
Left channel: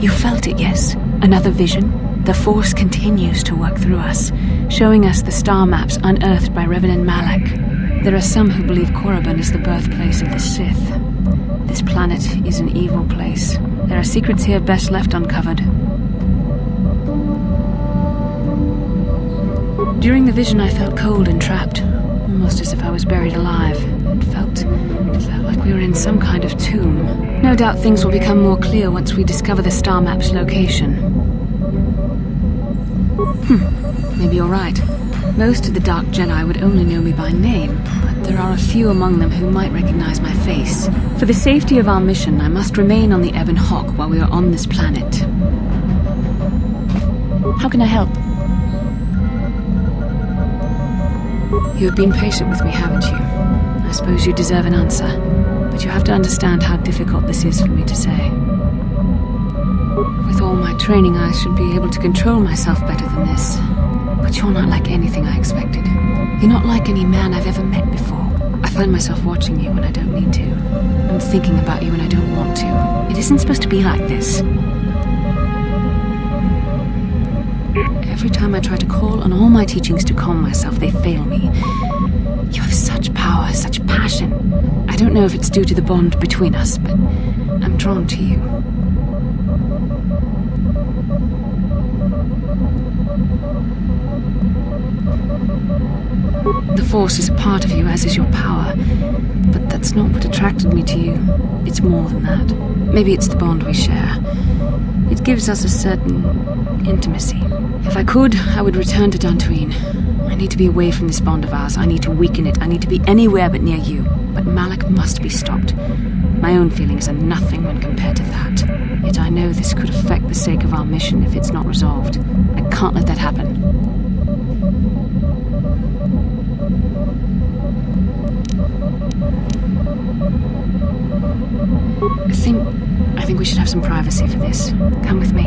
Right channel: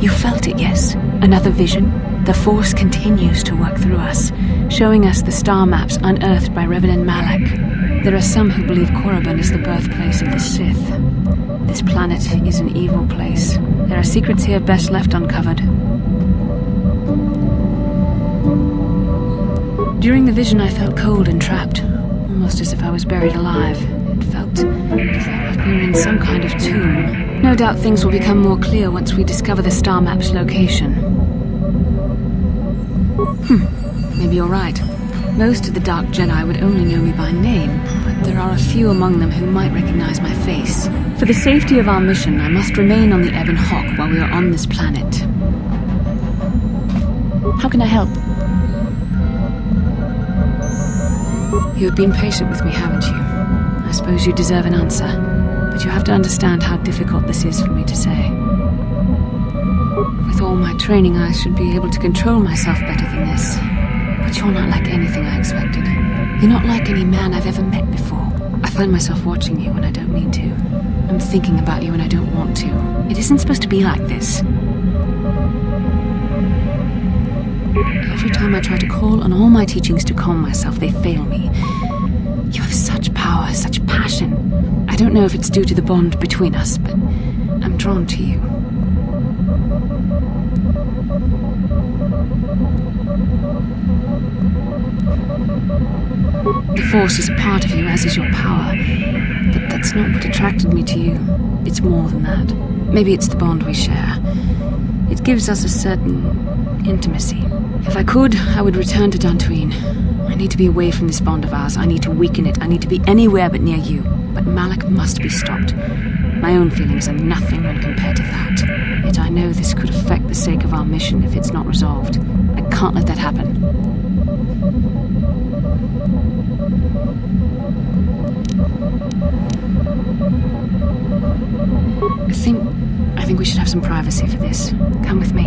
You felt it, yes? Another vision? The Force continues to work through us, showing us the star maps unearthed by Reverend Malak. There are some who believe Korriban is the birthplace of the Sith. This planet is an evil place. There are secrets here best left uncovered. During the vision, I felt cold and trapped, almost as if I was buried alive. It felt like we were in some kind of tomb. No doubt things will become more clear once we discover the star map's location. Maybe you're right. Most of the Dark Jedi would only know me by name, but there are a few among them who might recognize my face. For the safety of our mission, I must remain on the Ebon Hawk while we are on this planet. How can I help? You have been patient with me, haven't you? I suppose you deserve an answer. But you have to understand how difficult this is for me to say. With all my training, I should be able to control myself better than this. But you're not like anything I expected. You're not like any man I've ever met before. I find myself watching you when I don't mean to. I'm thinking about you when I don't want to. It isn't supposed to be like this. Every time I try to call on all my teachings to calm myself, they fail me. You have such power, such passion. I don't know if it's due to the bond between us, but I'm drawn to you. The Force is a part of you, as is your power. But that's not what attracted me to you. It's more than that. Maybe it's the bond we share. It gives us a certain intimacy. If I could, I would return to Dantooine. I need to be away from this bond of ours. I need to weaken it. I need to be anywhere but near you. But Malak must be stopped. My own feelings are nothing when compared to that. Yet I know this could affect the sake of our mission if it's not resolved. I can't let that happen. I think we should have some privacy for this. Come with me.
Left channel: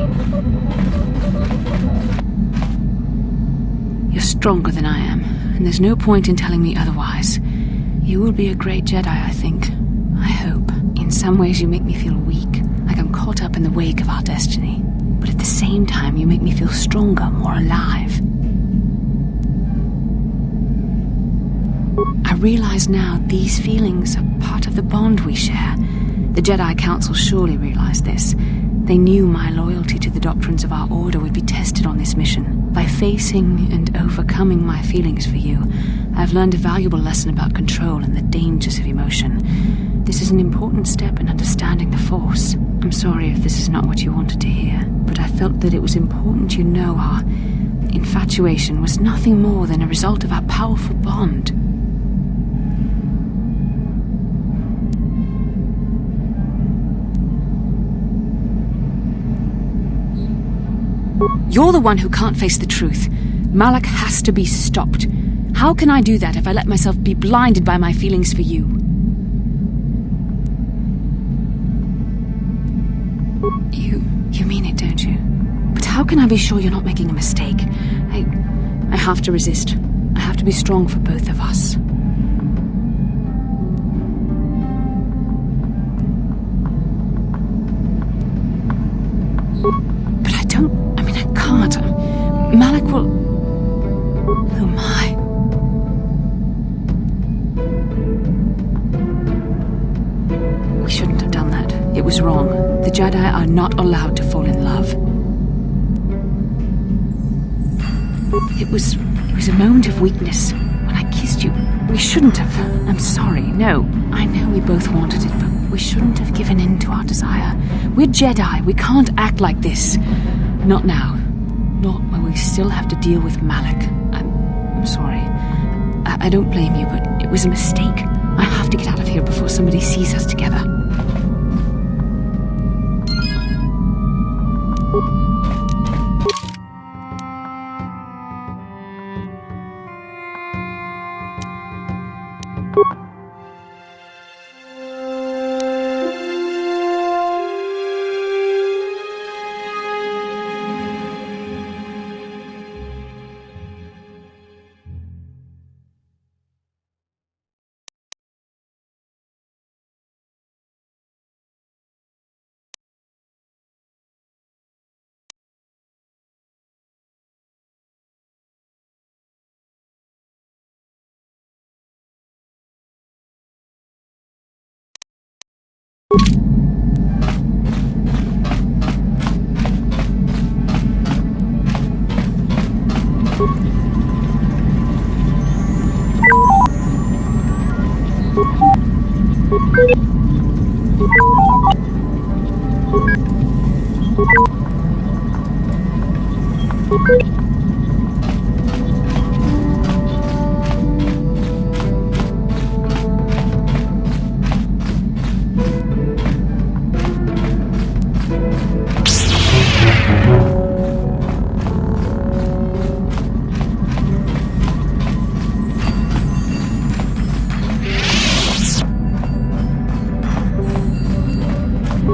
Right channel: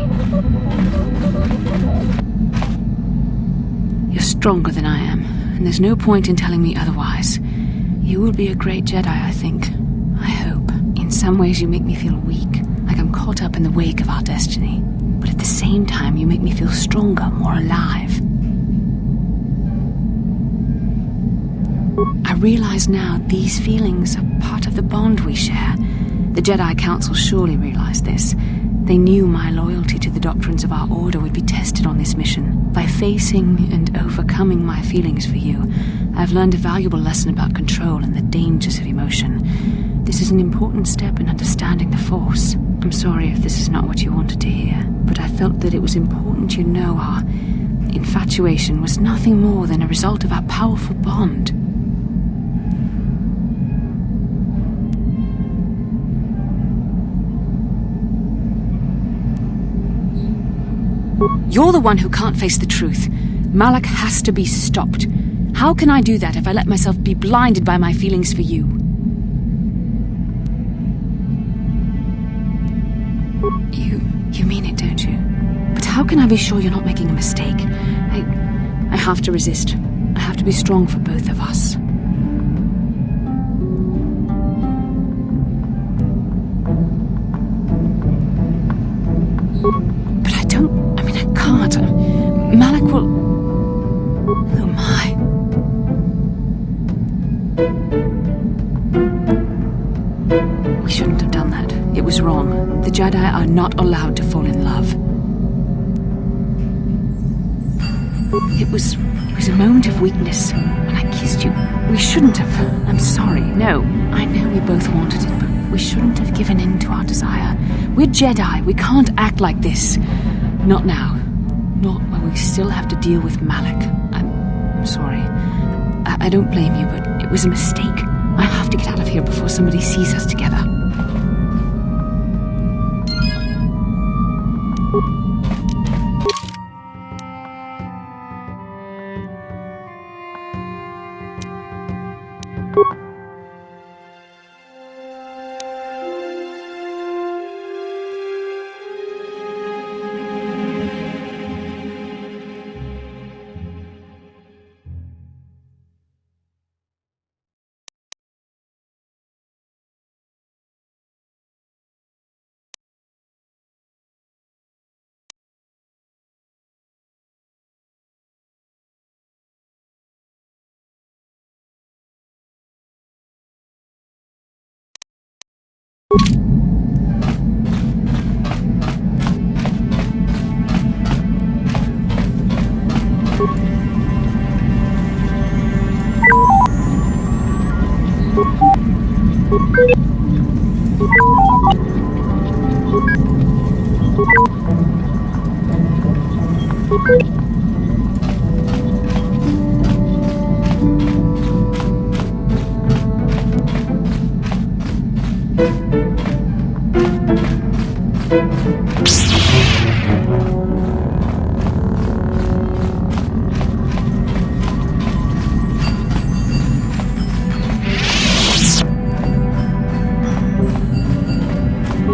You're stronger than I am, and there's no point in telling me otherwise. You will be a great Jedi, I think. I hope. In some ways you make me feel weak, like I'm caught up in the wake of our destiny. But at the same time, you make me feel stronger, more alive. I realize now these feelings are part of the bond we share. The Jedi Council surely realized this. They knew my loyalty to the doctrines of our order would be tested on this mission. By facing and overcoming my feelings for you, I've learned a valuable lesson about control and the dangers of emotion. This is an important step in understanding the Force. I'm sorry if this is not what you wanted to hear, but I felt that it was important you know our infatuation was nothing more than a result of our powerful bond. You're the one who can't face the truth. Malak has to be stopped. How can I do that if I let myself be blinded by my feelings for you? You mean it, don't you? But How can I be sure you're not making a mistake? I have to resist. I have to be strong for both of us. But I can't. Malik will... Who am I? We shouldn't have done that. It was wrong. The Jedi are not allowed to fall in love. It was a moment of weakness. When I kissed you, we shouldn't have. I'm sorry. No, I know we both wanted it, but we shouldn't have given in to our desire. We're Jedi. We can't act like this. Not now. Not while we still have to deal with Malik. I'm sorry. I don't blame you, but it was a mistake. I have to get out of here before somebody sees us together.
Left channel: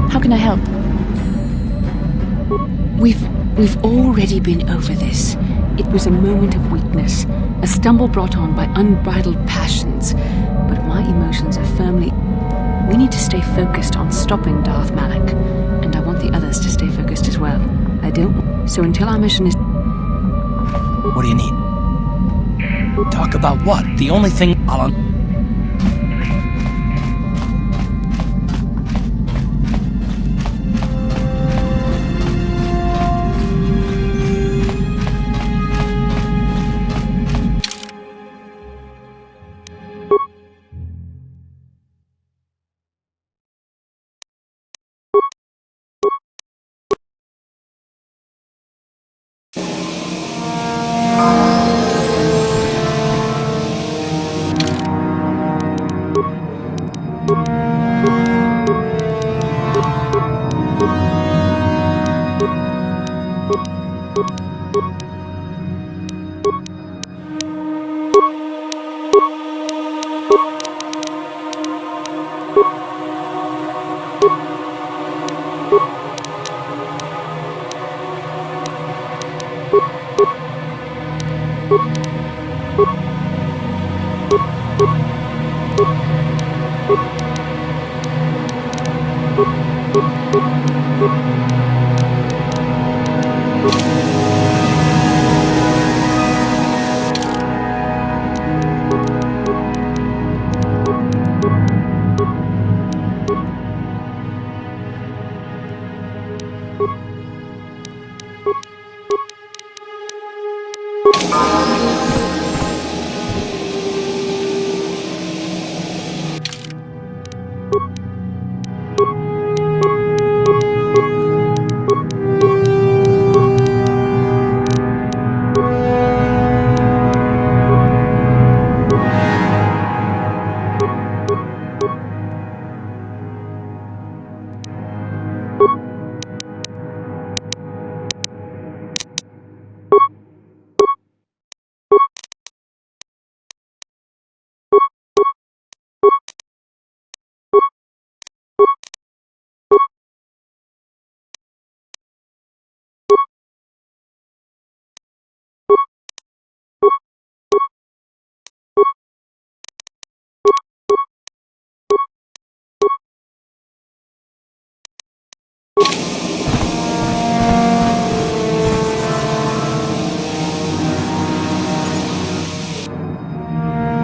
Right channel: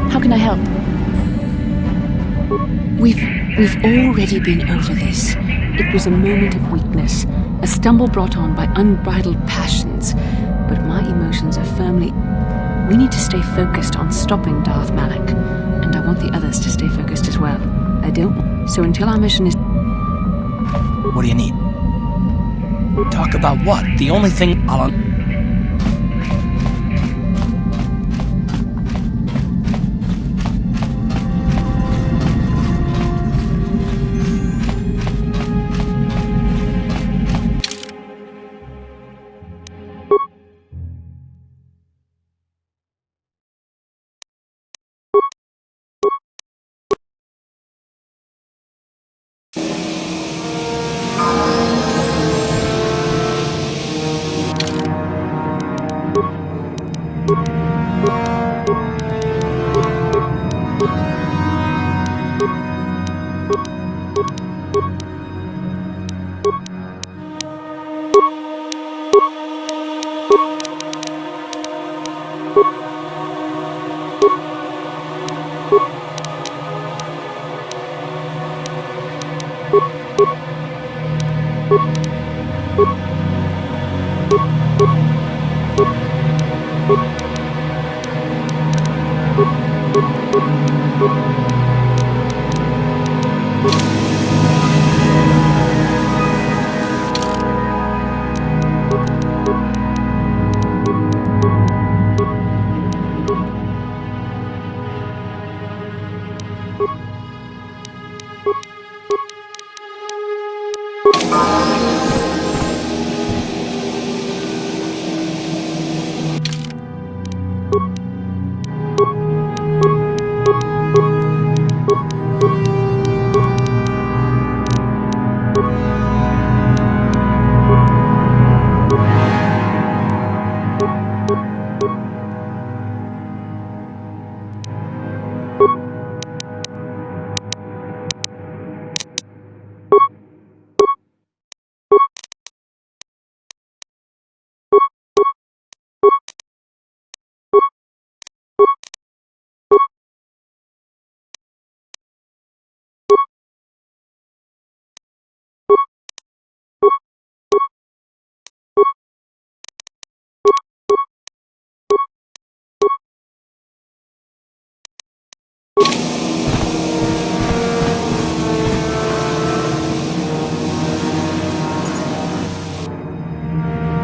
How can I help? We've already been over this. It was a moment of weakness, a stumble brought on by unbridled passions. But my emotions are firmly... We need to stay focused on stopping Darth Malik, and I want the others to stay focused as well. I don't... So until our mission is... What do you need? Talk about what? The only thing I'll...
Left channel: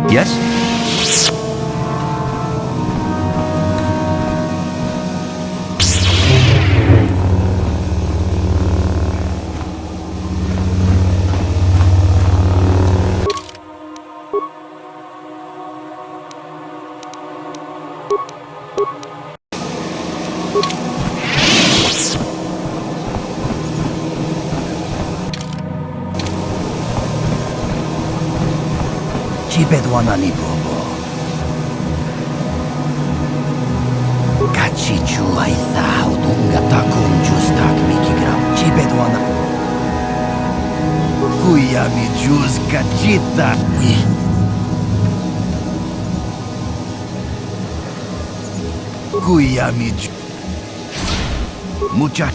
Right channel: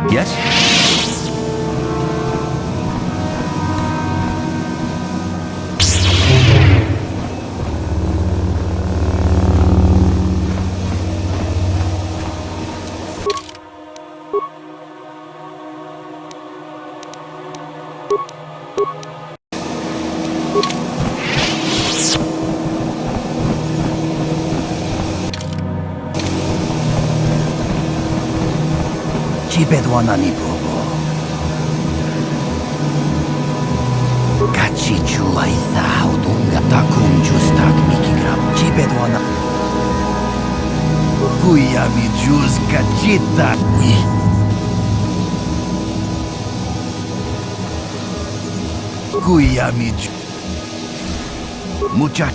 Yes? Chibedwana ni bobo. Kachi chulaitha haudunga takum justak mikigram. Chibedwana. Kuyami jus kachita. Kuyami mucha.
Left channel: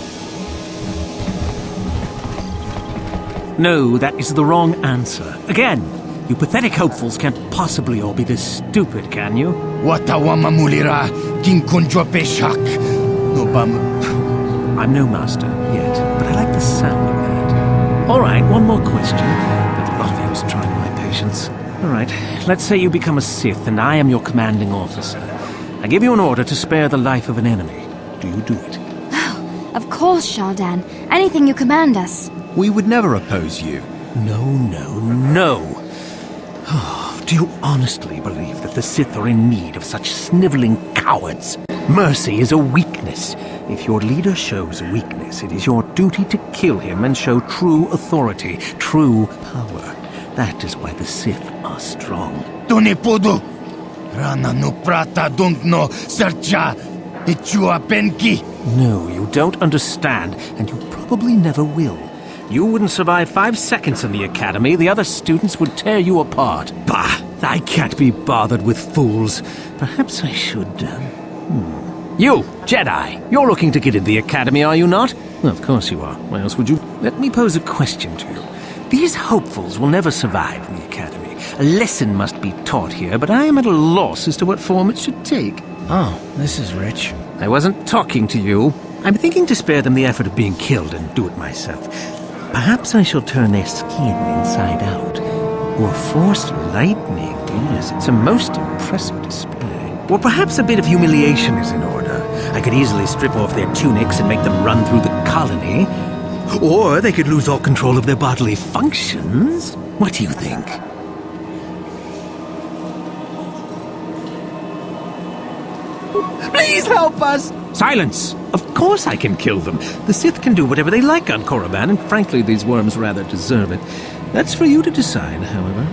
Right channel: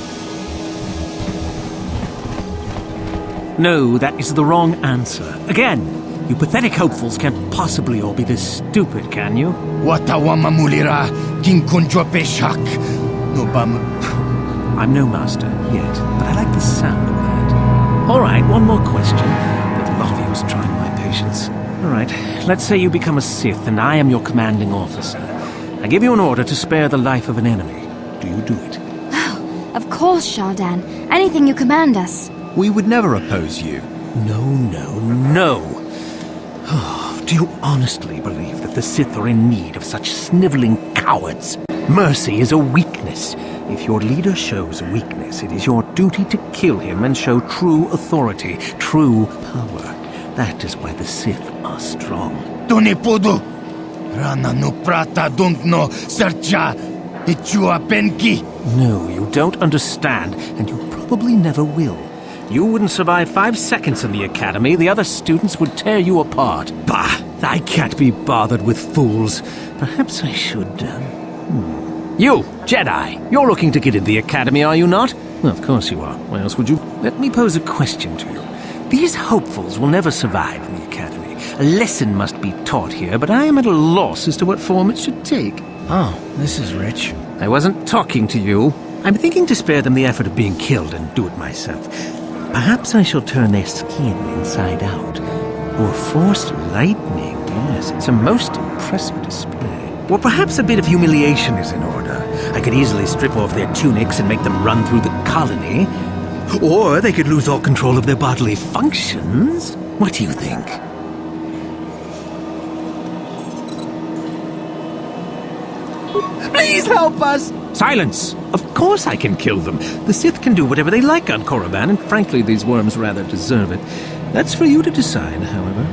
No, that is the wrong answer. Again, you pathetic hopefuls can't possibly all be this stupid, can you? Watawama mulira kinkunjo peshak. No bam. I'm no master yet, but I like the sound of that. All right, one more question. That lot of you is trying my patience. All right, let's say you become a Sith and I am your commanding officer. I give you an order to spare the life of an enemy. Do you do it? Oh, of course, Shardan. Anything you command us. We would never oppose you. No, no, no. Do you honestly believe that the Sith are in need of such sniveling cowards? Mercy is a weakness. If your leader shows weakness, it is your duty to kill him and show true authority, true power. That is why the Sith are strong. Tunipudu! Rana no prata dunkno sercha ichua penki. No, you don't understand, and you probably never will. You wouldn't survive 5 seconds in the academy. The other students would tear you apart. Bah! I can't be bothered with fools. Perhaps I should, You, Jedi! You're looking to get in the academy, are you not? Well, of course you are. Why else would you? Let me pose a question to you. These hopefuls will never survive in the academy. A lesson must be taught here, but I am at a loss as to what form it should take. Oh, this is rich. I wasn't talking to you. I'm thinking to spare them the effort of being killed and do it myself. Perhaps I shall turn their skin inside out. Or force lightning. Yes, it's a most impressive display. Or perhaps a bit of humiliation is in order. I could easily strip off their tunics and make them run through the colony. Or they could lose all control of their bodily functions. What do you think? Please help us! Silence! Of course I can kill them. The Sith can do whatever they like on Korriban, and frankly, these worms rather deserve it. That's for you to decide, however.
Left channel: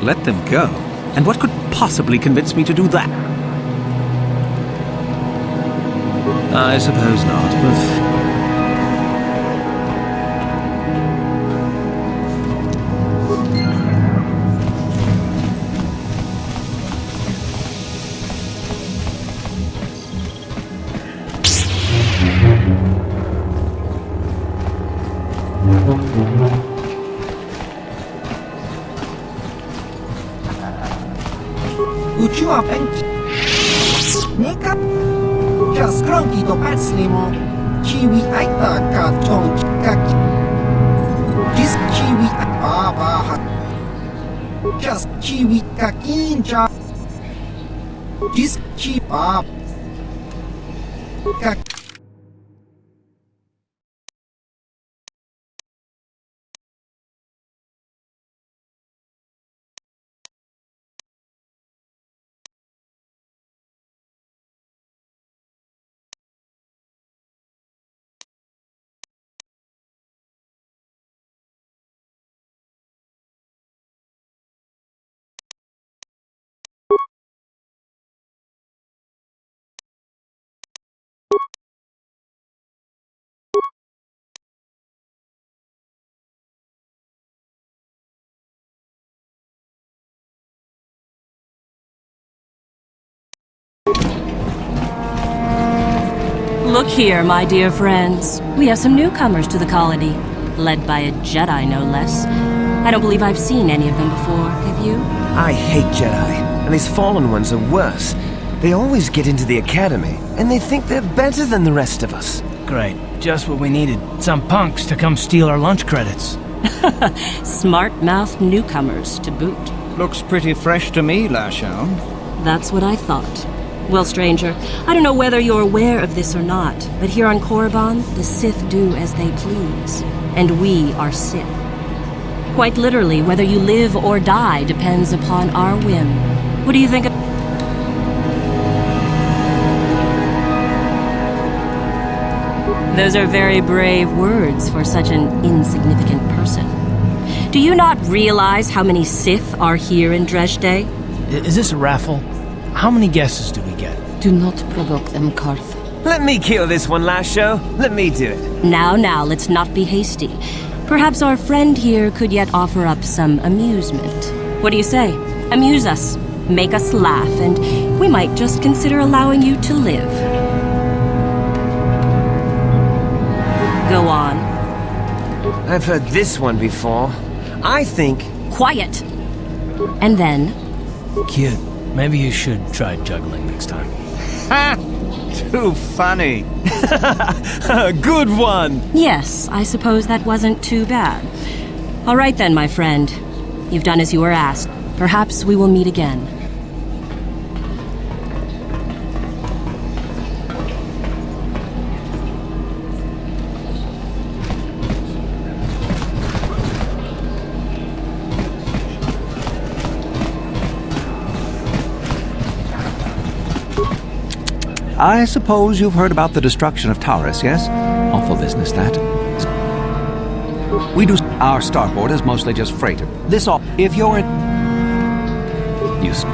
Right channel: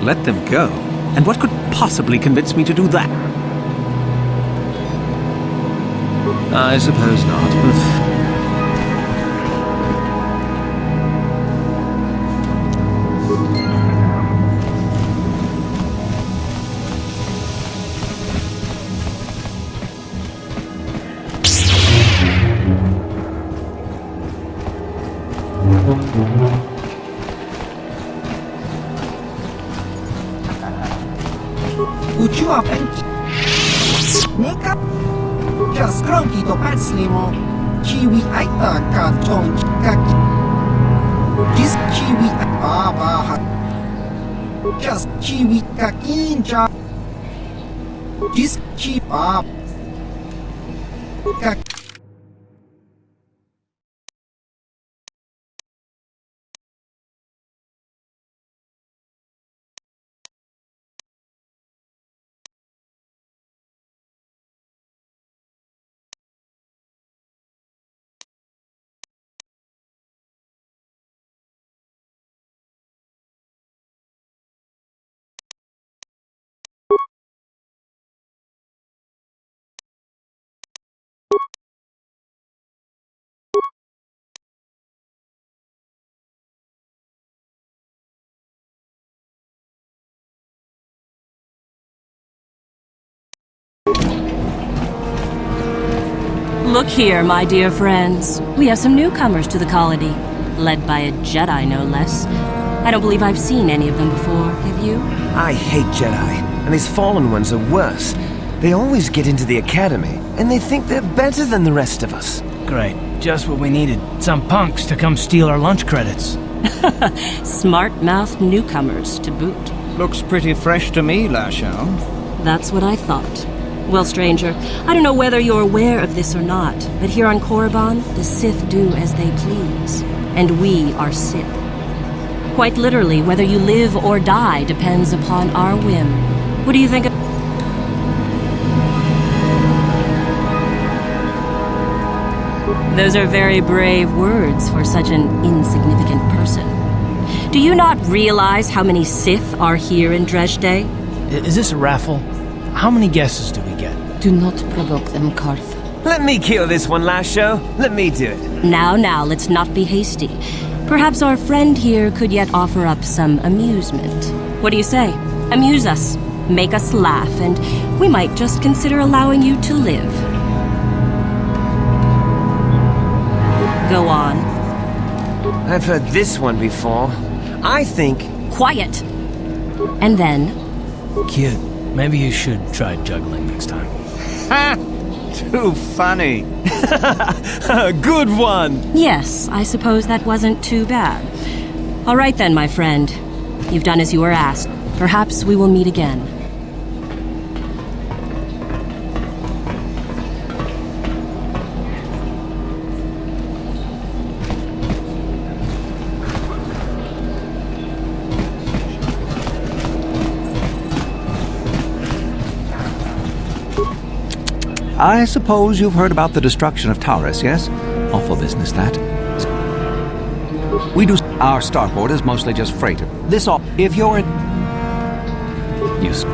Let them go? And what could possibly convince me to do that? I suppose not, but... Uchiwa penki. Neka. Just cronky to patslimo. Chiwi aita ka chong kaki. Just chiwi baba. Just chiwi kakinja. Just chi bab. Kak. Look here, my dear friends. We have some newcomers to the colony, led by a Jedi, no less. I don't believe I've seen any of them before, have you? I hate Jedi, and these fallen ones are worse. They always get into the academy, and they think they're better than the rest of us. Great. Just what we needed. Some punks to come steal our lunch credits. Smart-mouthed newcomers, to boot. Looks pretty fresh to me, Lashao. That's what I thought. Well, stranger, I don't know whether you're aware of this or not, but here on Korriban, the Sith do as they please. And we are Sith. Quite literally, whether you live or die depends upon our whim. What do you think of... Those are very brave words for such an insignificant person. Do you not realize how many Sith are here in Dresde? Is this a raffle? How many guesses do we get? Do not provoke them, Karth. Let me kill this one, Lasho. Let me do it. Now, let's not be hasty. Perhaps our friend here could yet offer up some amusement. What do you say? Amuse us, make us laugh, and we might just consider allowing you to live. Go on. I've heard this one before. I think... Quiet! And then... Kid, maybe you should try juggling next time. Ha! Too funny. Good one! Yes, I suppose that wasn't too bad. All right then, my friend. You've done as you were asked. Perhaps we will meet again. I suppose you've heard about the destruction of Taurus, yes? Awful business, that. We do... Our starport is mostly just freighter. This all... If you're in... Use...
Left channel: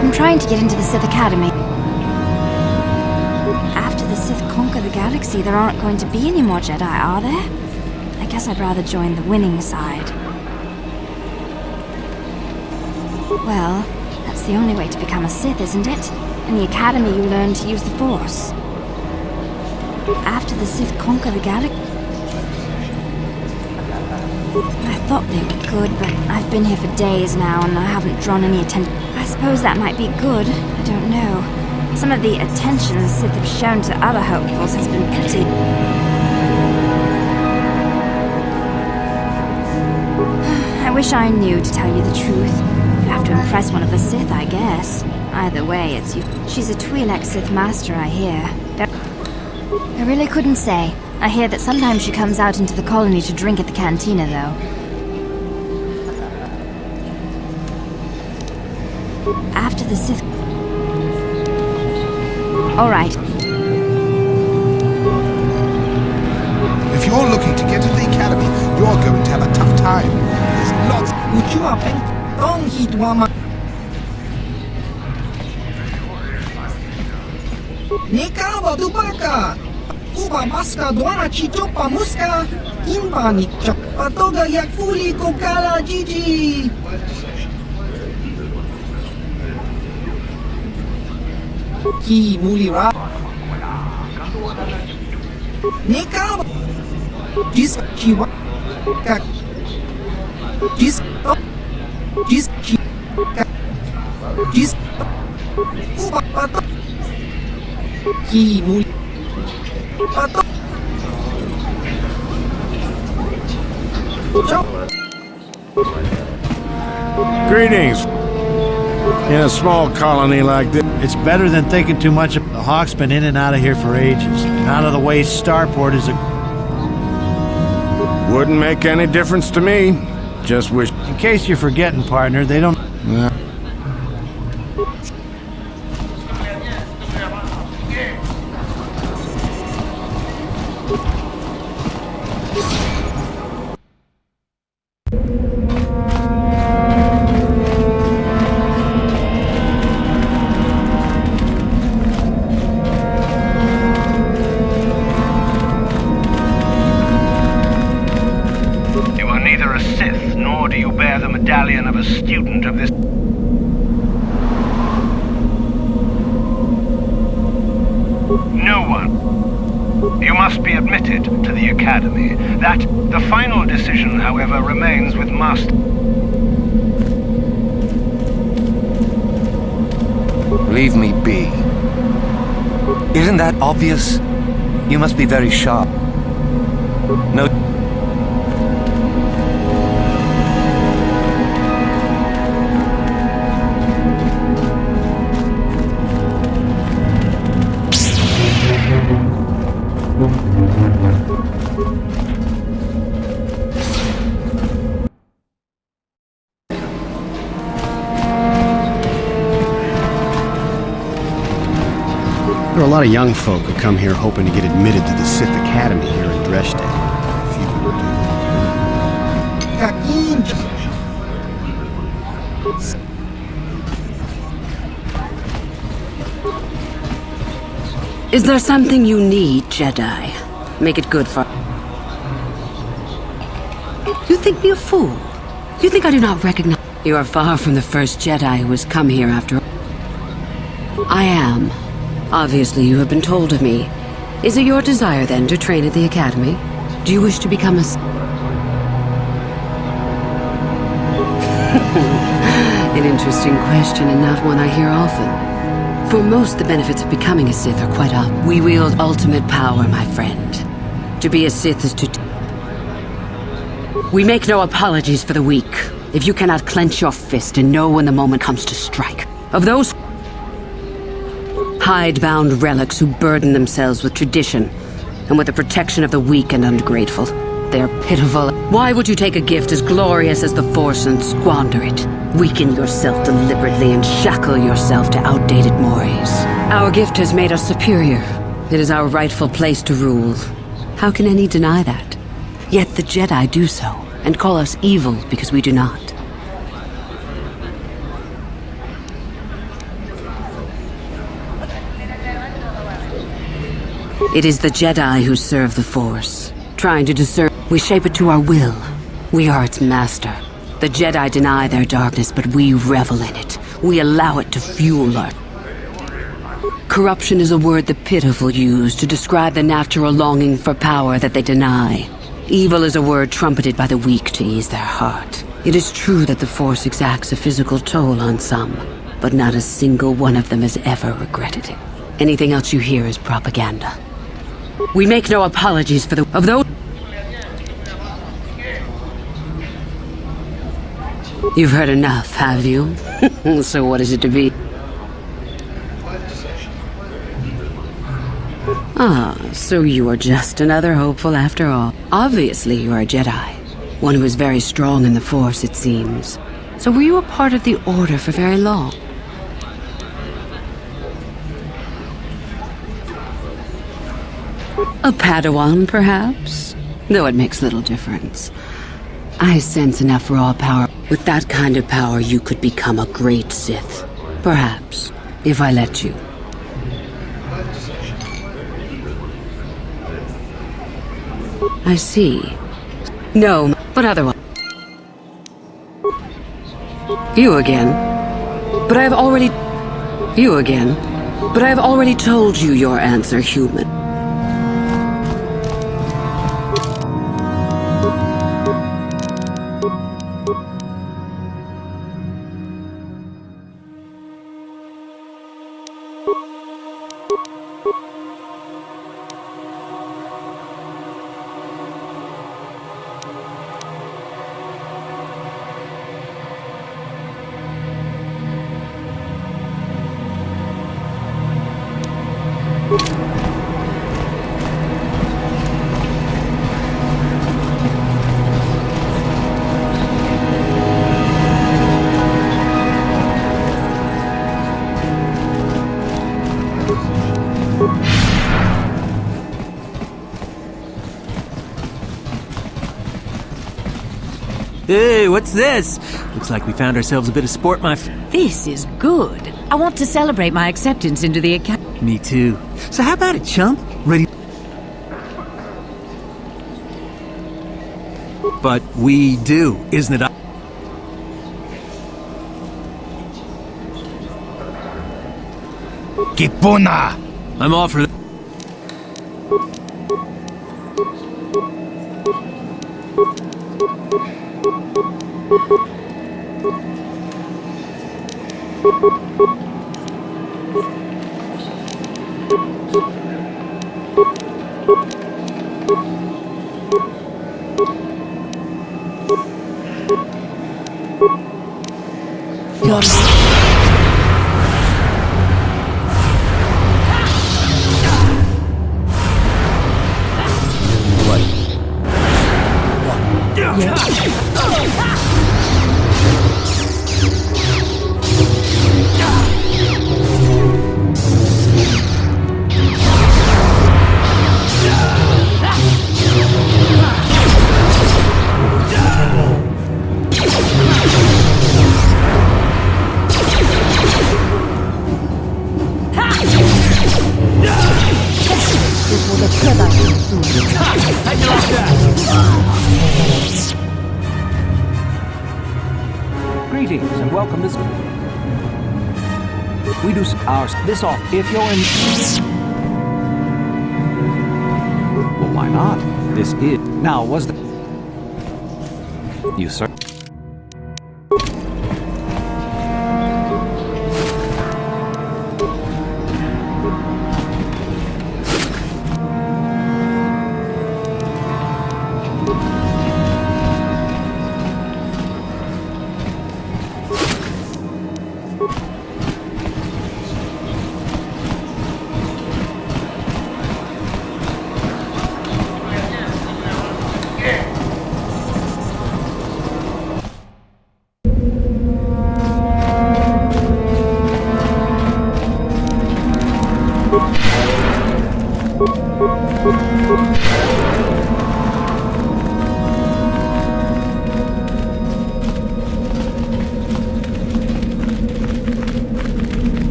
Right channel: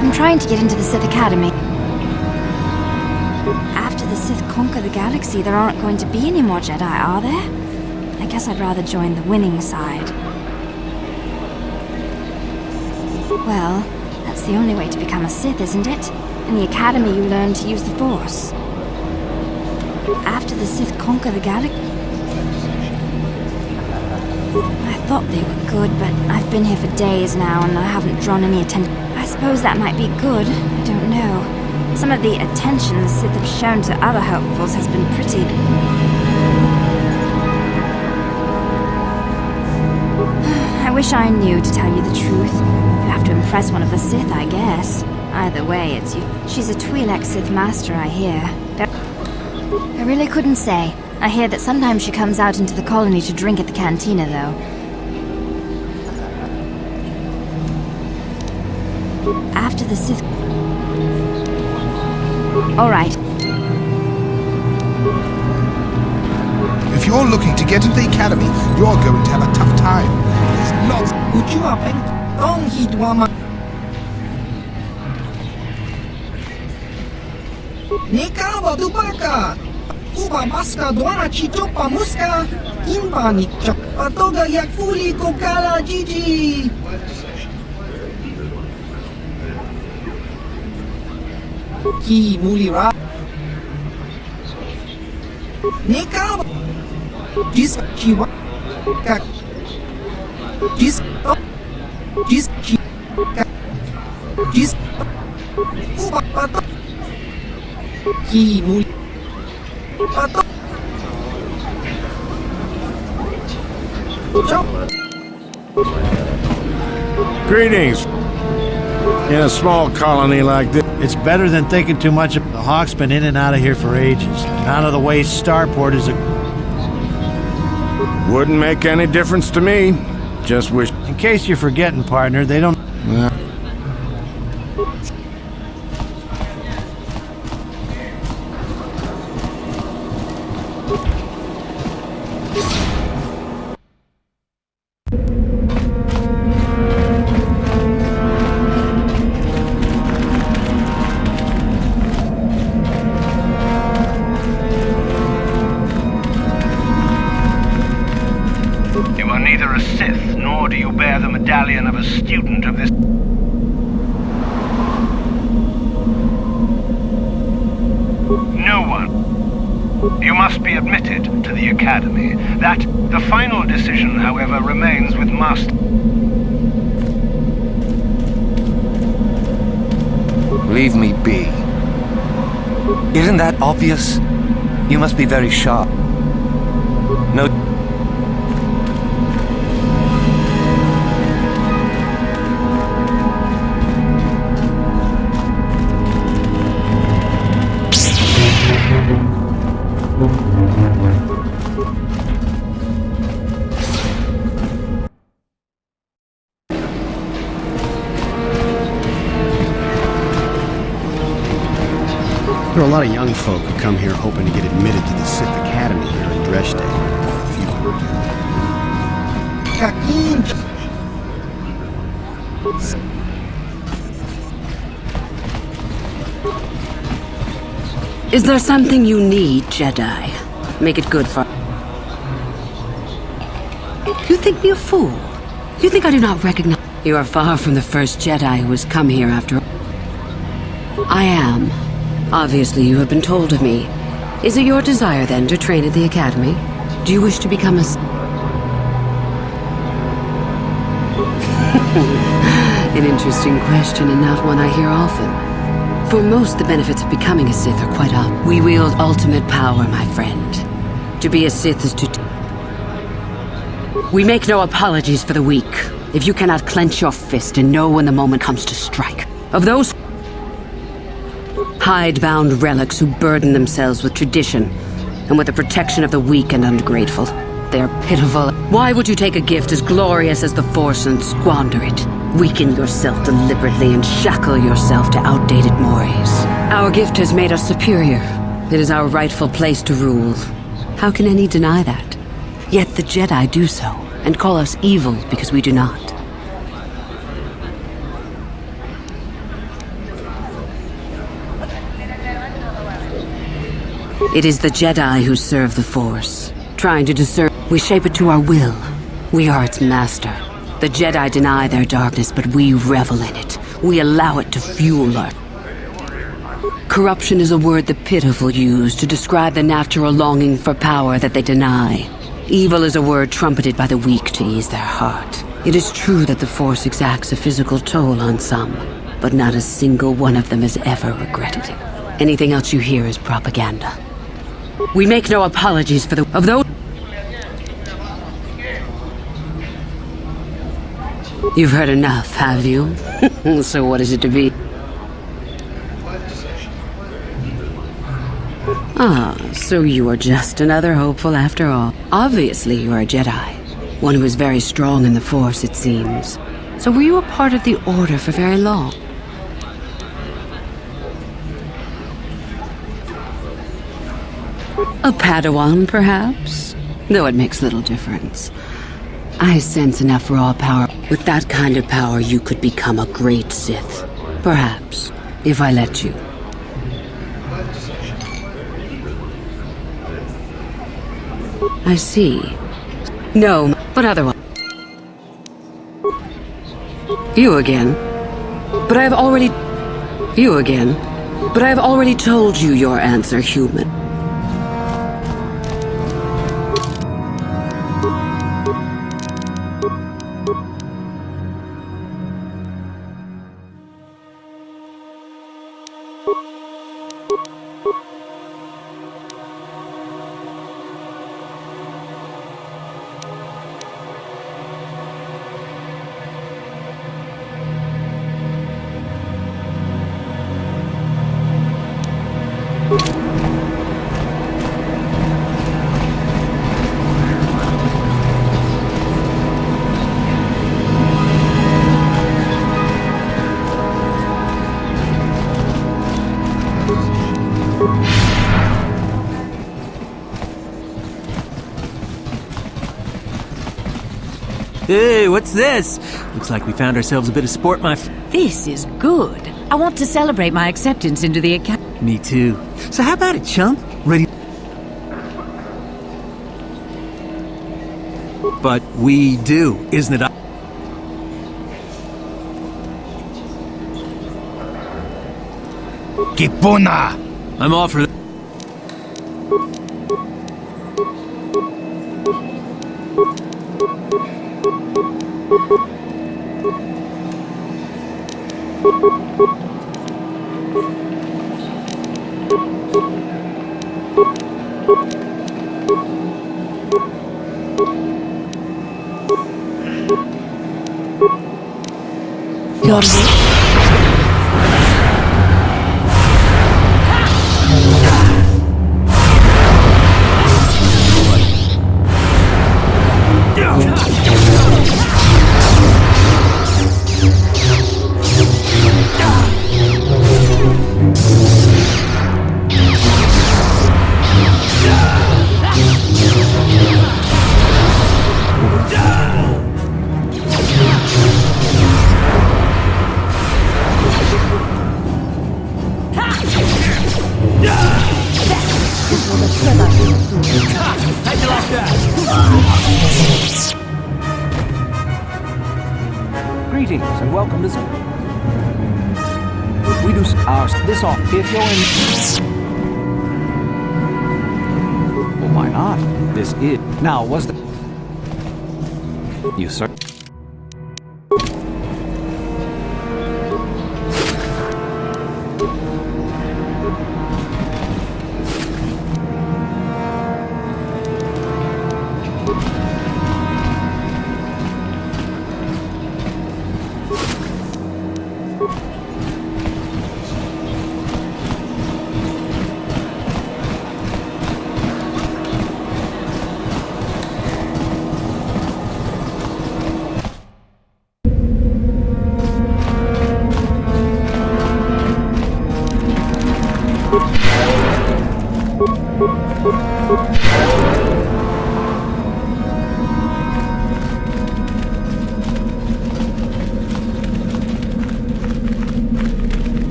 I'm trying to get into the Sith Academy. After the Sith conquer the galaxy, there aren't going to be any more Jedi, are there? I guess I'd rather join the winning side. Well, that's the only way to become a Sith, isn't it? In the Academy, you learn to use the Force. After the Sith conquer the galaxy... I thought they were good, but I've been here for days now and I haven't drawn any attention. I suppose that might be good. I don't know. Some of the attention the Sith have shown to other hopefuls has been pretty... I wish I knew, to tell you the truth. You have to impress one of the Sith, I guess. Either way, it's you. She's a Twi'lek Sith Master, I hear. I really couldn't say. I hear that sometimes she comes out into the colony to drink at the cantina, though. After the Sith... All right. If you're looking to get into the academy, you're going to have a tough time. There's lots... Uba maska dwana chichopa muska, imba ni patoga jak fuli kokala Gigi. Ki muli ra. Nika. This chiwa. Greetings. In a small colony like this. It's better than thinking too much. The Hawk's been in and out of here for ages. Out of the way, Starport is a... Wouldn't make any difference to me. Just wish... In case you're forgetting, partner, they don't... You are neither a Sith, nor do you bear the medallion of a student of this... No one. You must be admitted to the Academy. The final decision, however, remains with Master... Leave me be. Isn't that obvious? You must be very sharp. No... There are a lot of young folk who come here hoping to get admitted to the Sith Academy here in Dresde. Few do. Is there something you need, Jedi? Make it good for... You think me a fool? You think I do not recognize... You are far from the first Jedi who has come here after... I am. Obviously, you have been told of me. Is it your desire, then, to train at the Academy? Do you wish to become a... An interesting question, and not one I hear often. For most, the benefits of becoming a Sith are quite obvious. We wield ultimate power, my friend. To be a Sith is to... We make no apologies for the weak. If you cannot clench your fist and know when the moment comes to strike. Of those... hide-bound relics who burden themselves with tradition and with the protection of the weak and ungrateful. They're pitiful. Why would you take a gift as glorious as the Force and squander it? Weaken yourself deliberately and shackle yourself to outdated mores. Our gift has made us superior. It is our rightful place to rule. How can any deny that? Yet the Jedi do so, and call us evil because we do not. It is the Jedi who serve the Force, trying to discern. We shape it to our will. We are its master. The Jedi deny their darkness, but we revel in it. We allow it to fuel our... Corruption is a word the pitiful use to describe the natural longing for power that they deny. Evil is a word trumpeted by the weak to ease their heart. It is true that the Force exacts a physical toll on some, but not a single one of them has ever regretted it. Anything else you hear is propaganda. We make no apologies for of those... You've heard enough, have you? So what is it to be? Ah, so you are just another hopeful after all. Obviously you are a Jedi. One who is very strong in the Force, it seems. So were you a part of the Order for very long? A Padawan, perhaps? Though it makes little difference. I sense enough raw power. With that kind of power, you could become a great Sith. Perhaps, if I let you. I see. No, but otherwise... You again. But I have already... You again. But I have already told you your answer, human. Hey, what's this? Looks like we found ourselves a bit of sport, This is good. I want to celebrate my acceptance into the academy. Me too. So how about it, chump? Ready? But we do, isn't it? Kipuna! I'm off for Greetings and welcome to... We do this off if you're in... Well, why not? This is... Now, was the... You, sir?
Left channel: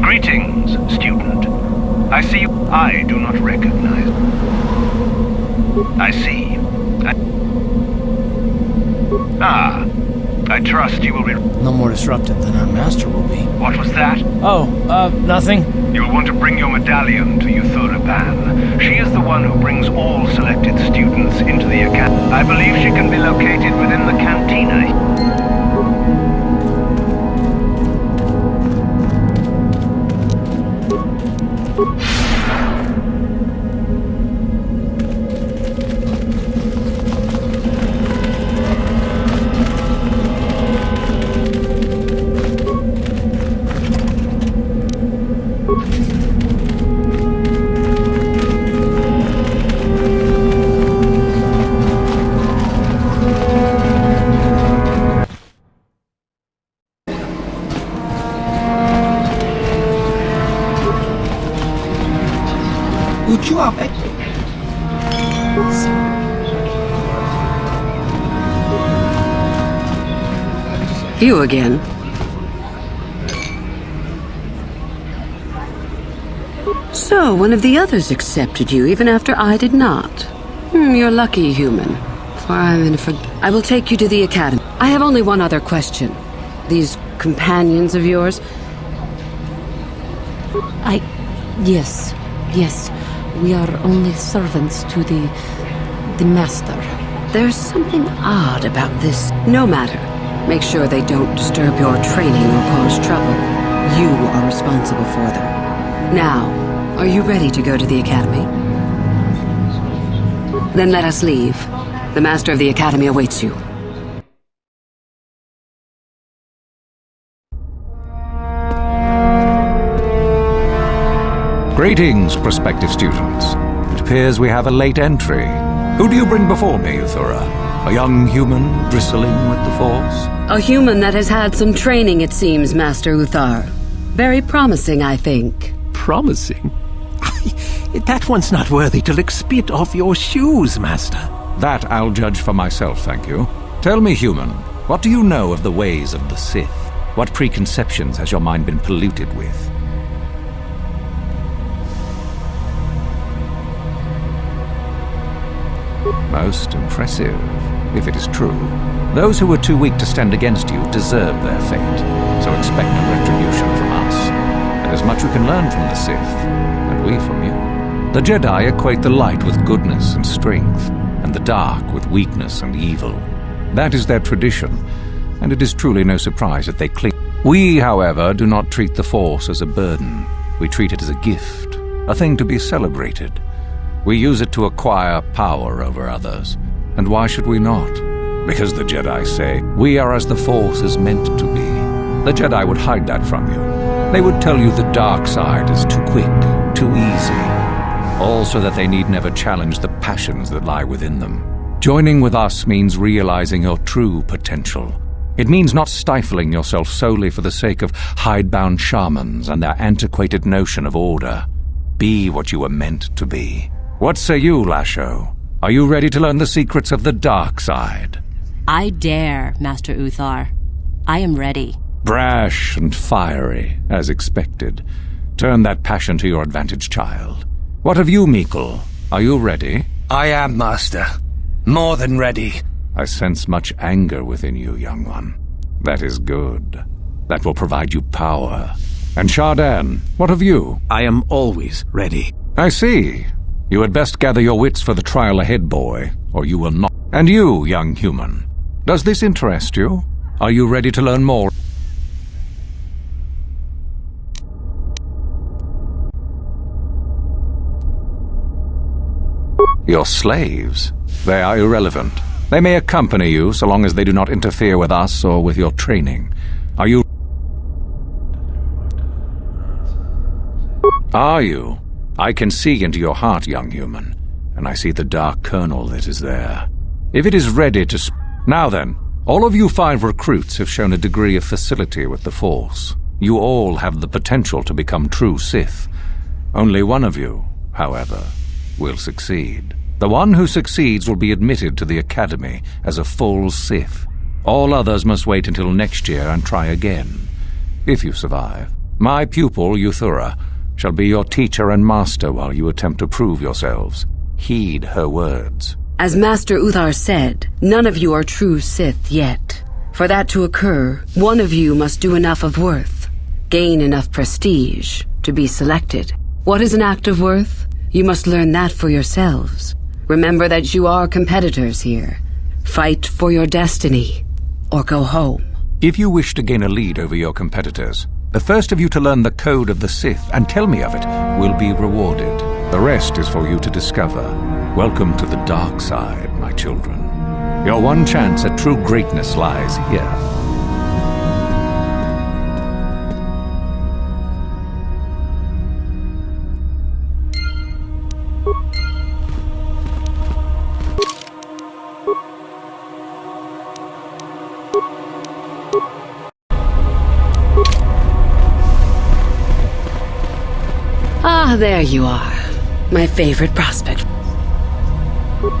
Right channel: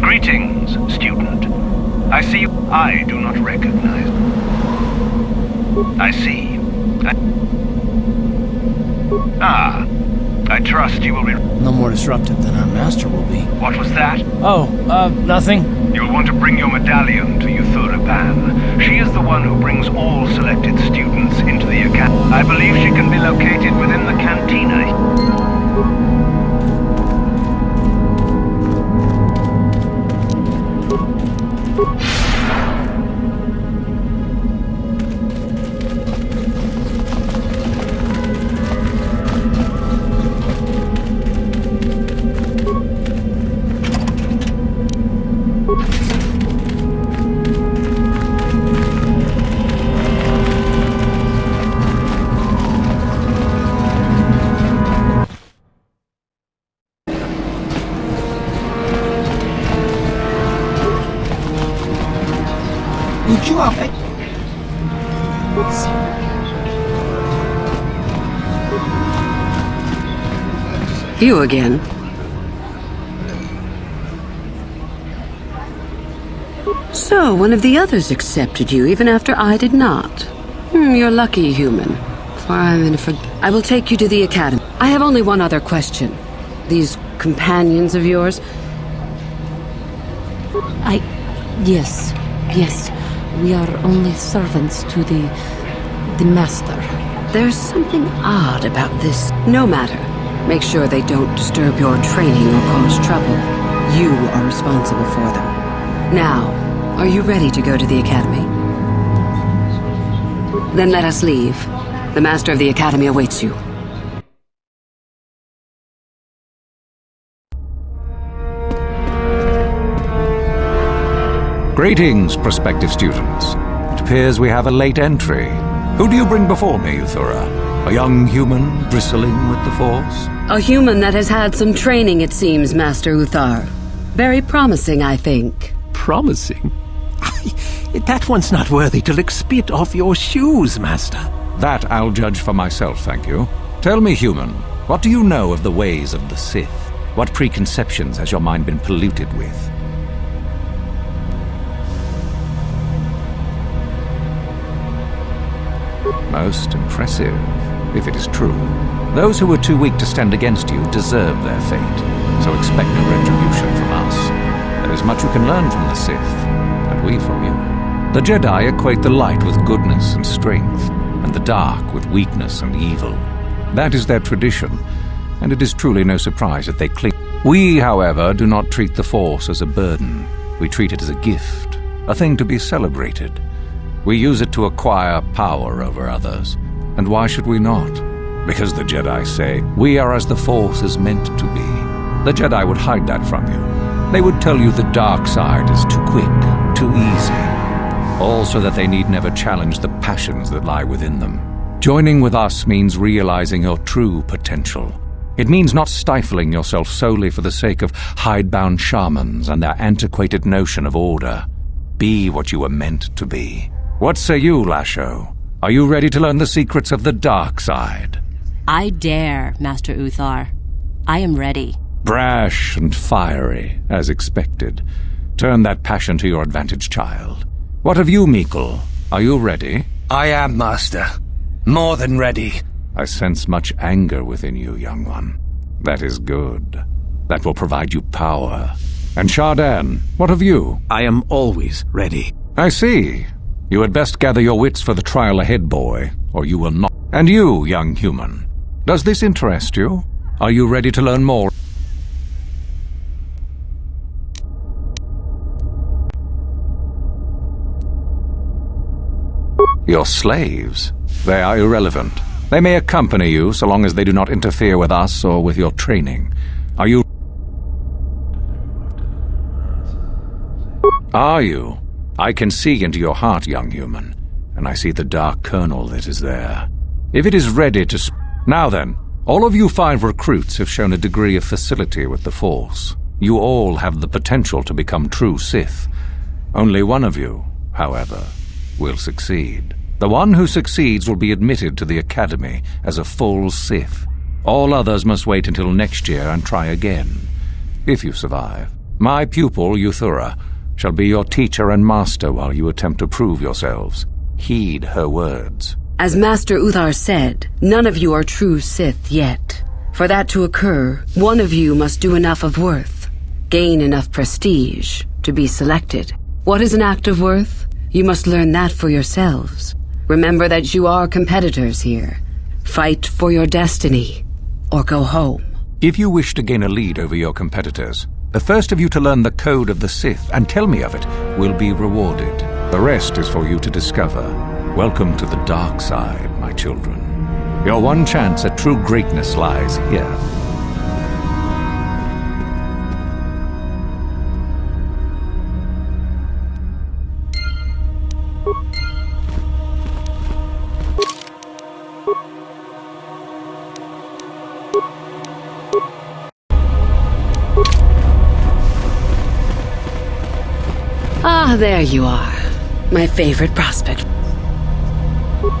Greetings, student. I see you. I do not recognize. I see. I trust you will be... No more disruptive than our master will be. What was that? Oh, nothing. You'll want to bring your medallion to Euthura Ban. She is the one who brings all selected students into the academy. I believe she can be located within the cantina. You again. So, one of the others accepted you, even after I did not. You're lucky, human. For I'm in a I will take you to the academy. I have only one other question. These companions of yours? Yes. We are only servants to the master. There's something odd about this. No matter. Make sure they don't disturb your training or cause trouble. You are responsible for them. Now, are you ready to go to the academy? Then let us leave. The master of the academy awaits you. Greetings, prospective students. It appears we have a late entry. Who do you bring before me, Euthura? A young human bristling with the Force? A human that has had some training, it seems, Master Uthar. Very promising, I think. Promising? That one's not worthy to lick spit off your shoes, Master. That I'll judge for myself, thank you. Tell me, human, what do you know of the ways of the Sith? What preconceptions has your mind been polluted with? Most impressive, if it is true. Those who were too weak to stand against you deserve their fate, so expect no retribution from us. There is much you can learn from the Sith, and we from you. The Jedi equate the light with goodness and strength, and the dark with weakness and evil. That is their tradition, and it is truly no surprise that they cling. We, however, do not treat the Force as a burden. We treat it as a gift, a thing to be celebrated. We use it to acquire power over others. And why should we not? Because the Jedi say, we are as the Force is meant to be. The Jedi would hide that from you. They would tell you the dark side is too quick, too easy. All so that they need never challenge the passions that lie within them. Joining with us means realizing your true potential. It means not stifling yourself solely for the sake of hidebound shamans and their antiquated notion of order. Be what you were meant to be. What say you, Lasho? Are you ready to learn the secrets of the dark side? I dare, Master Uthar. I am ready. Brash and fiery, as expected. Turn that passion to your advantage, child. What of you, Meekle? Are you ready? I am, Master. More than ready. I sense much anger within you, young one. That is good. That will provide you power. And Shardan, what of you? I am always ready. I see. You had best gather your wits for the trial ahead, boy, or you will not. And you, young human, does this interest you? Are you ready to learn more? Your slaves? They are irrelevant. They may accompany you so long as they do not interfere with us or with your training. Are you? Are you? I can see into your heart, young human, and I see the dark kernel that is there. If it is ready to Now then, all of you 5 recruits have shown a degree of facility with the Force. You all have the potential to become true Sith. Only one of you, however, will succeed. The one who succeeds will be admitted to the Academy as a full Sith. All others must wait until next year and try again, if you survive. My pupil, Euthura, shall be your teacher and master while you attempt to prove yourselves. Heed her words. As Master Uthar said, none of you are true Sith yet. For that to occur, one of you must do enough of worth, gain enough prestige, to be selected. What is an act of worth? You must learn that for yourselves. Remember that you are competitors here. Fight for your destiny, or go home. If you wish to gain a lead over your competitors, the first of you to learn the code of the Sith and tell me of it will be rewarded. The rest is for you to discover. Welcome to the dark side, my children. Your one chance at true greatness lies here. Ah, there you are. My favorite prospect.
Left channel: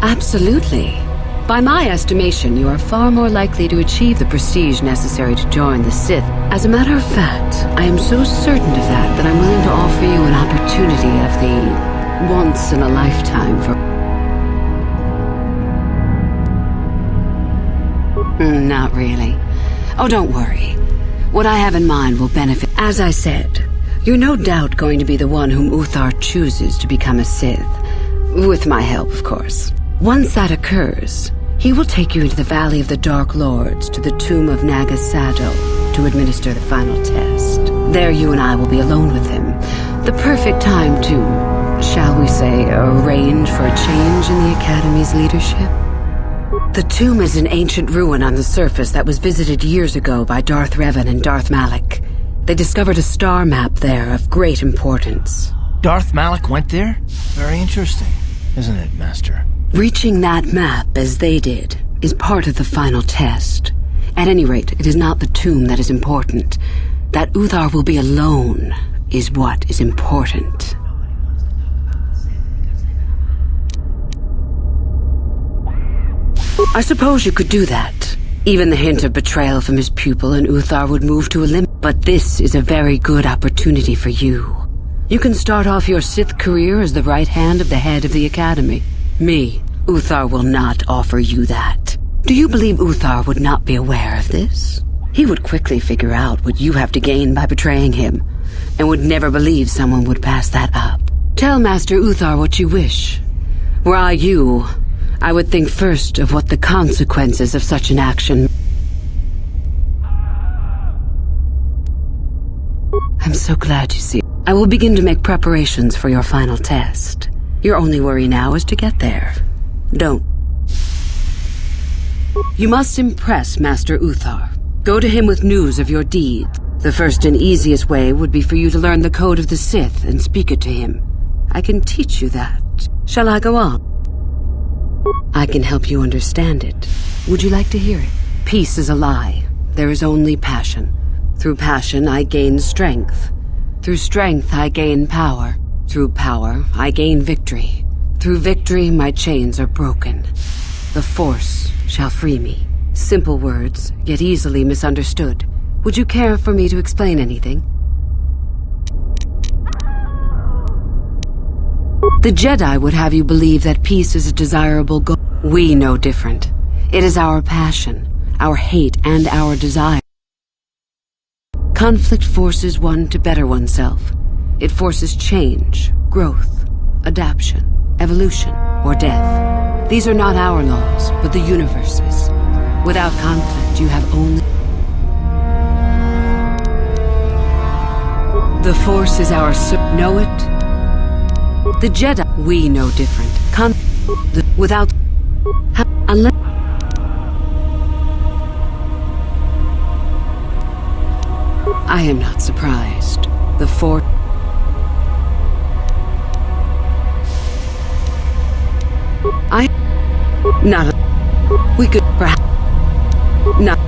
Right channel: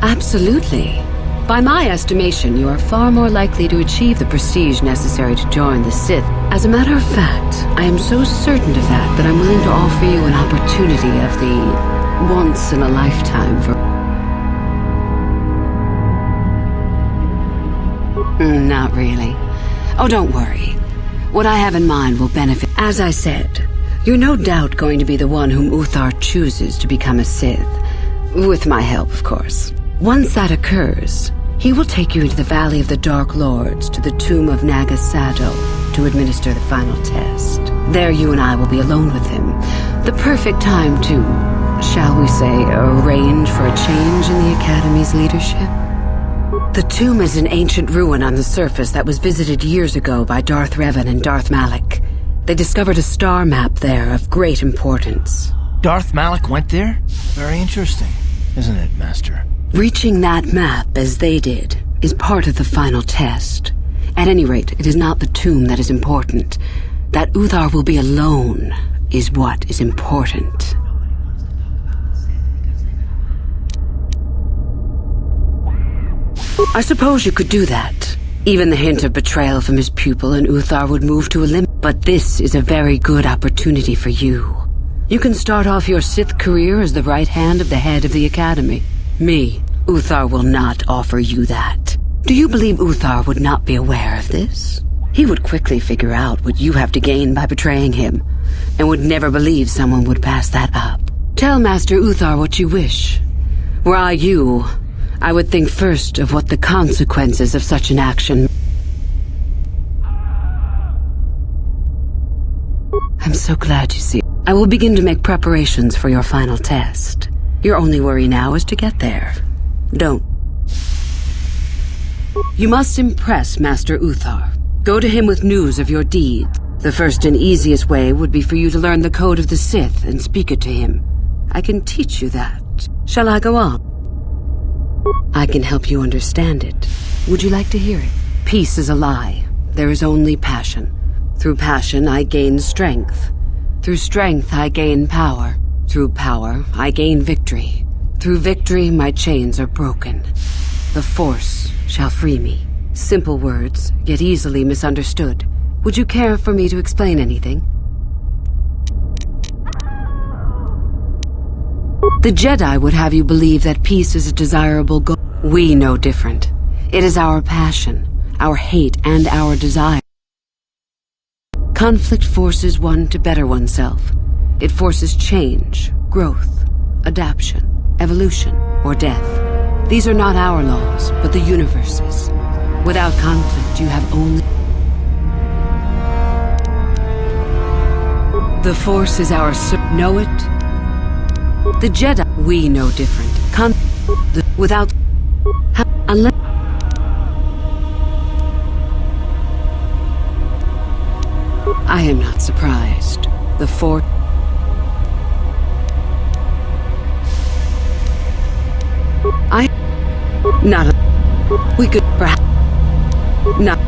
Absolutely. By my estimation, you are far more likely to achieve the prestige necessary to join the Sith. As a matter of fact, I am so certain of that I'm willing to offer you an opportunity of the once-in-a-lifetime for... Not really. Oh, don't worry. What I have in mind will benefit. As I said, you're no doubt going to be the one whom Uthar chooses to become a Sith. With my help, of course. Once that occurs, he will take you into the Valley of the Dark Lords to the tomb of Naga Sado to administer the final test. There you and I will be alone with him. The perfect time to, shall we say, arrange for a change in the Academy's leadership. The tomb is an ancient ruin on the surface that was visited years ago by Darth Revan and Darth Malak. They discovered a star map there of great importance. Darth Malak went there? Very interesting, isn't it, Master? Reaching that map, as they did, is part of the final test. At any rate, it is not the tomb that is important. That Uthar will be alone is what is important. I suppose you could do that. Even the hint of betrayal from his pupil and Uthar would move to a limit. But this is a very good opportunity for you. You can start off your Sith career as the right hand of the head of the Academy. Me, Uthar will not offer you that. Do you believe Uthar would not be aware of this? He would quickly figure out what you have to gain by betraying him, and would never believe someone would pass that up. Tell Master Uthar what you wish. Were I you, I would think first of what the consequences of such an action. I'm so glad you see. I will begin to make preparations for your final test. Your only worry now is to get there. Don't. You must impress Master Uthar. Go to him with news of your deeds. The first and easiest way would be for you to learn the code of the Sith and speak it to him. I can teach you that. Shall I go on? I can help you understand it. Would you like to hear it? Peace is a lie. There is only passion. Through passion, I gain strength. Through strength, I gain power. Through power, I gain victory. Through victory, my chains are broken. The Force shall free me. Simple words, yet easily misunderstood. Would you care for me to explain anything? The Jedi would have you believe that peace is a desirable goal. We know different. It is our passion, our hate, and our desire. Conflict forces one to better oneself. It forces change, growth, adaptation, evolution, or death. These are not our laws, but the universe's. Without conflict, you have only... The Force is our... Know it? The Jedi... We know different. Without... Unless... I am not surprised. The Force... Not a... We could perhaps... Not...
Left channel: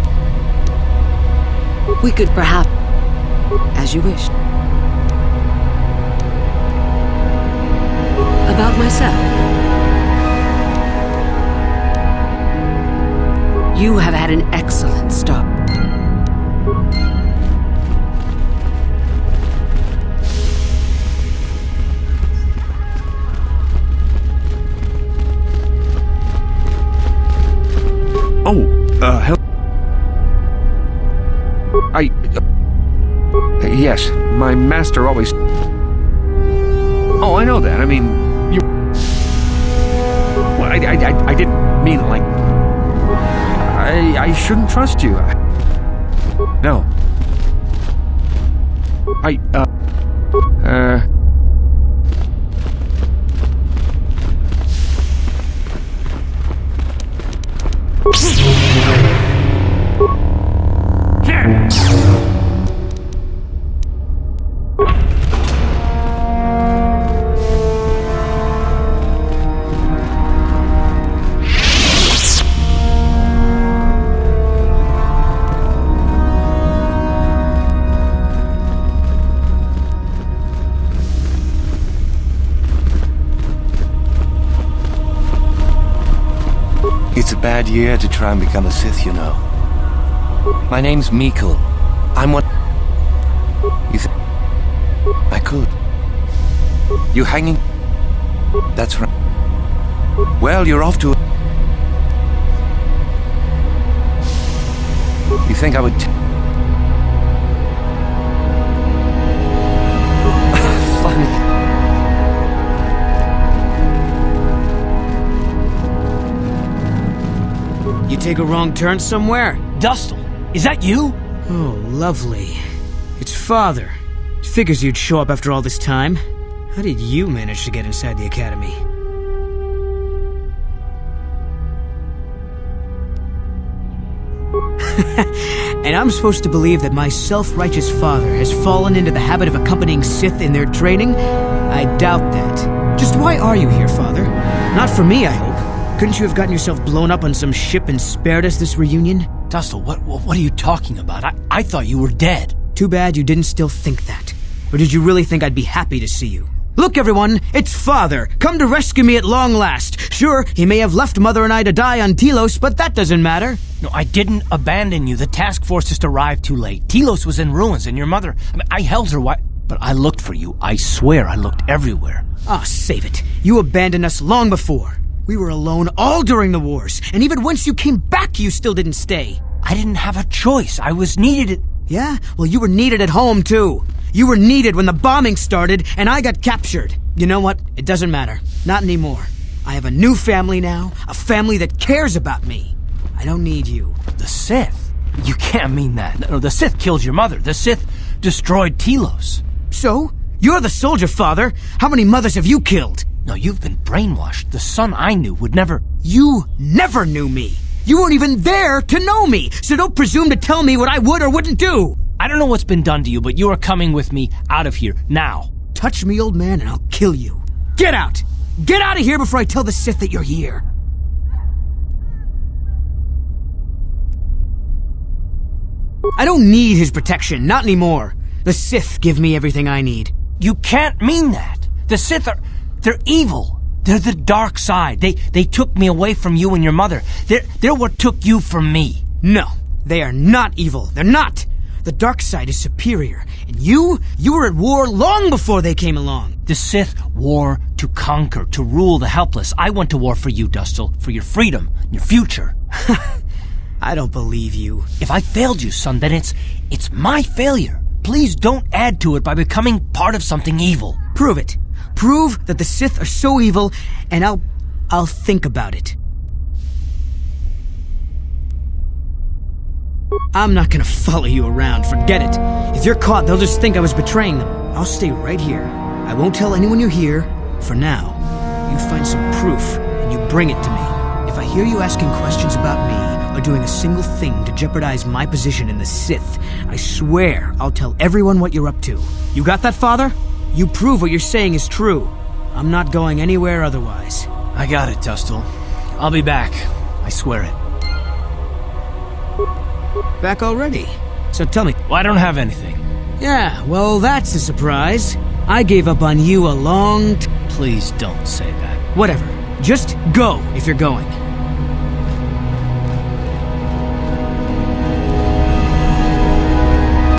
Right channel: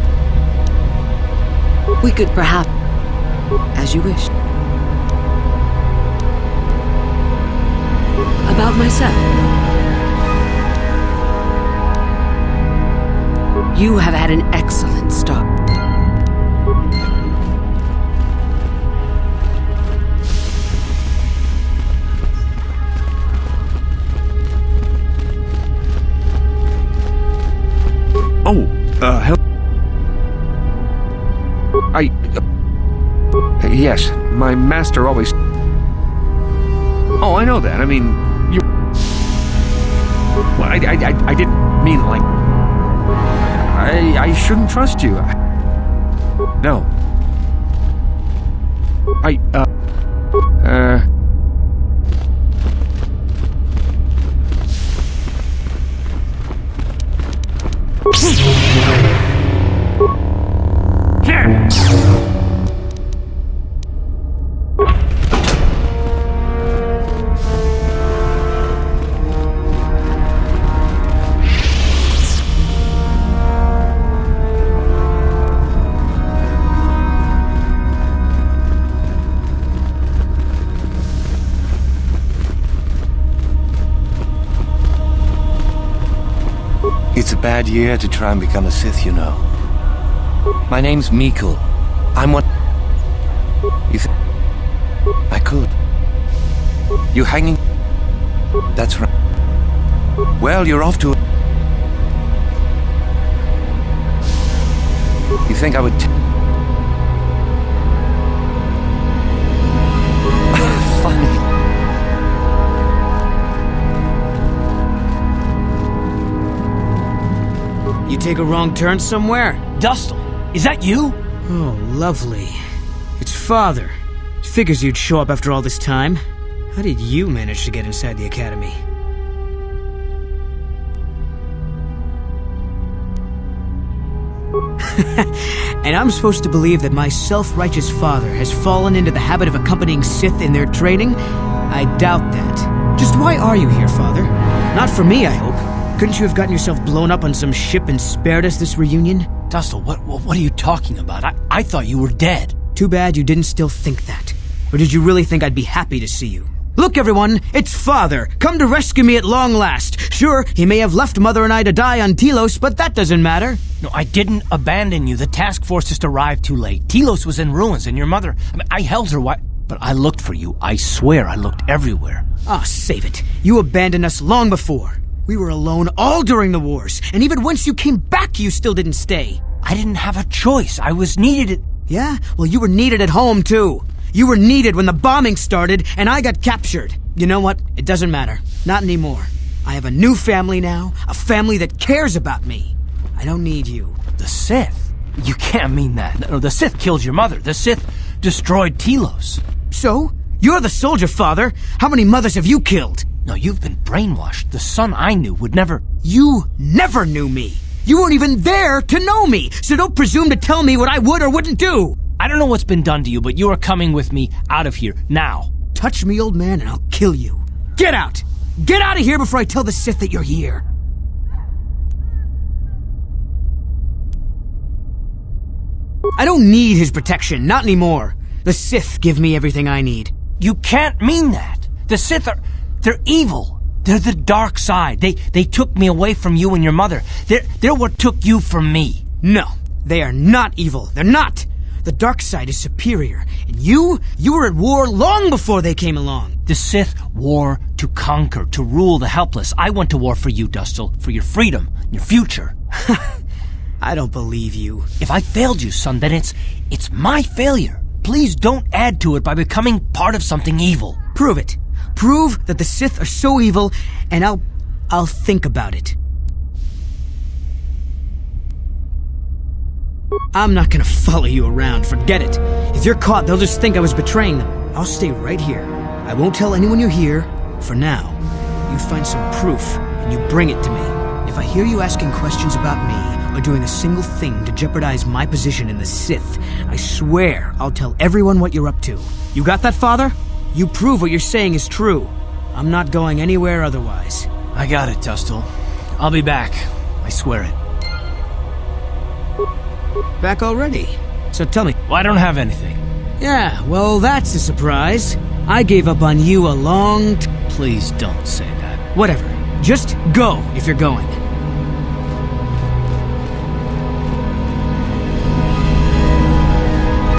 We could perhaps... As you wish. About myself. You have had an excellent start. Hello. Yes, my master always... Oh, I know that. I mean, you... Well, I didn't mean, like... I shouldn't trust you. No. It's a bad year to try and become a Sith, you know. My name's Mikul. I'm one... You think... I could. You hanging... That's right. Well, you're off to... You think I would... Funny. You take a wrong turn somewhere? Dustle, is that you? Oh, lovely. It's Father. Figures you'd show up after all this time. How did you manage to get inside the Academy? And I'm supposed to believe that my self-righteous father has fallen into the habit of accompanying Sith in their training? I doubt that. Just why are you here, Father? Not for me, I hope. Couldn't you have gotten yourself blown up on some ship and spared us this reunion? Dustle, what are you talking about? I thought you were dead. Too bad you didn't still think that. Or did you really think I'd be happy to see you? Look, everyone, it's Father, come to rescue me at long last. Sure, he may have left Mother and I to die on Telos, but that doesn't matter. No, I didn't abandon you. The task force just arrived too late. Telos was in ruins, and your mother... I held her but I looked for you. I swear I looked everywhere. Ah, save it. You abandoned us long before. We were alone all during the wars, and even once you came back, you still didn't stay. I didn't have a choice. I was needed. Yeah? Well, you were needed at home, too. You were needed when the bombing started, and I got captured. You know what? It doesn't matter. Not anymore. I have a new family now, a family that cares about me. I don't need you. The Sith? You can't mean that. No, the Sith killed your mother. The Sith destroyed Telos. So? You're the soldier, Father. How many mothers have you killed? No, you've been brainwashed. The son I knew would never... You never knew me. You weren't even there to know me, so don't presume to tell me what I would or wouldn't do. I don't know what's been done to you, but you are coming with me out of here, now. Touch me, old man, and I'll kill you. Get out! Get out of here before I tell the Sith that you're here. I don't need his protection, not anymore. The Sith give me everything I need. You can't mean that. The Sith are... they're evil. They're the dark side. They took me away from you and your mother. They're what took you from me. No, they are not evil. They're not. The dark side is superior. And you were at war long before they came along. The Sith war to conquer, to rule the helpless. I went to war for you, Dustil, for your freedom, your future. I don't believe you. If I failed you, son, then it's my failure. Please don't add to it by becoming part of something evil. Prove it. Prove that the Sith are so evil, and I'll think about it. I'm not gonna follow you around, forget it. If you're caught, they'll just think I was betraying them. I'll stay right here. I won't tell anyone you're here, for now. You find some proof, and you bring it to me. If I hear you asking questions about me, or doing a single thing to jeopardize my position in the Sith, I swear I'll tell everyone what you're up to. You got that, Father? You prove what you're saying is true. I'm not going anywhere otherwise. I got it, Dustil. I'll be back. I swear it. Back already? So tell me. Well, I don't have anything. Yeah, well, that's a surprise. I gave up on you a long Please don't say that. Whatever. Just go if you're going.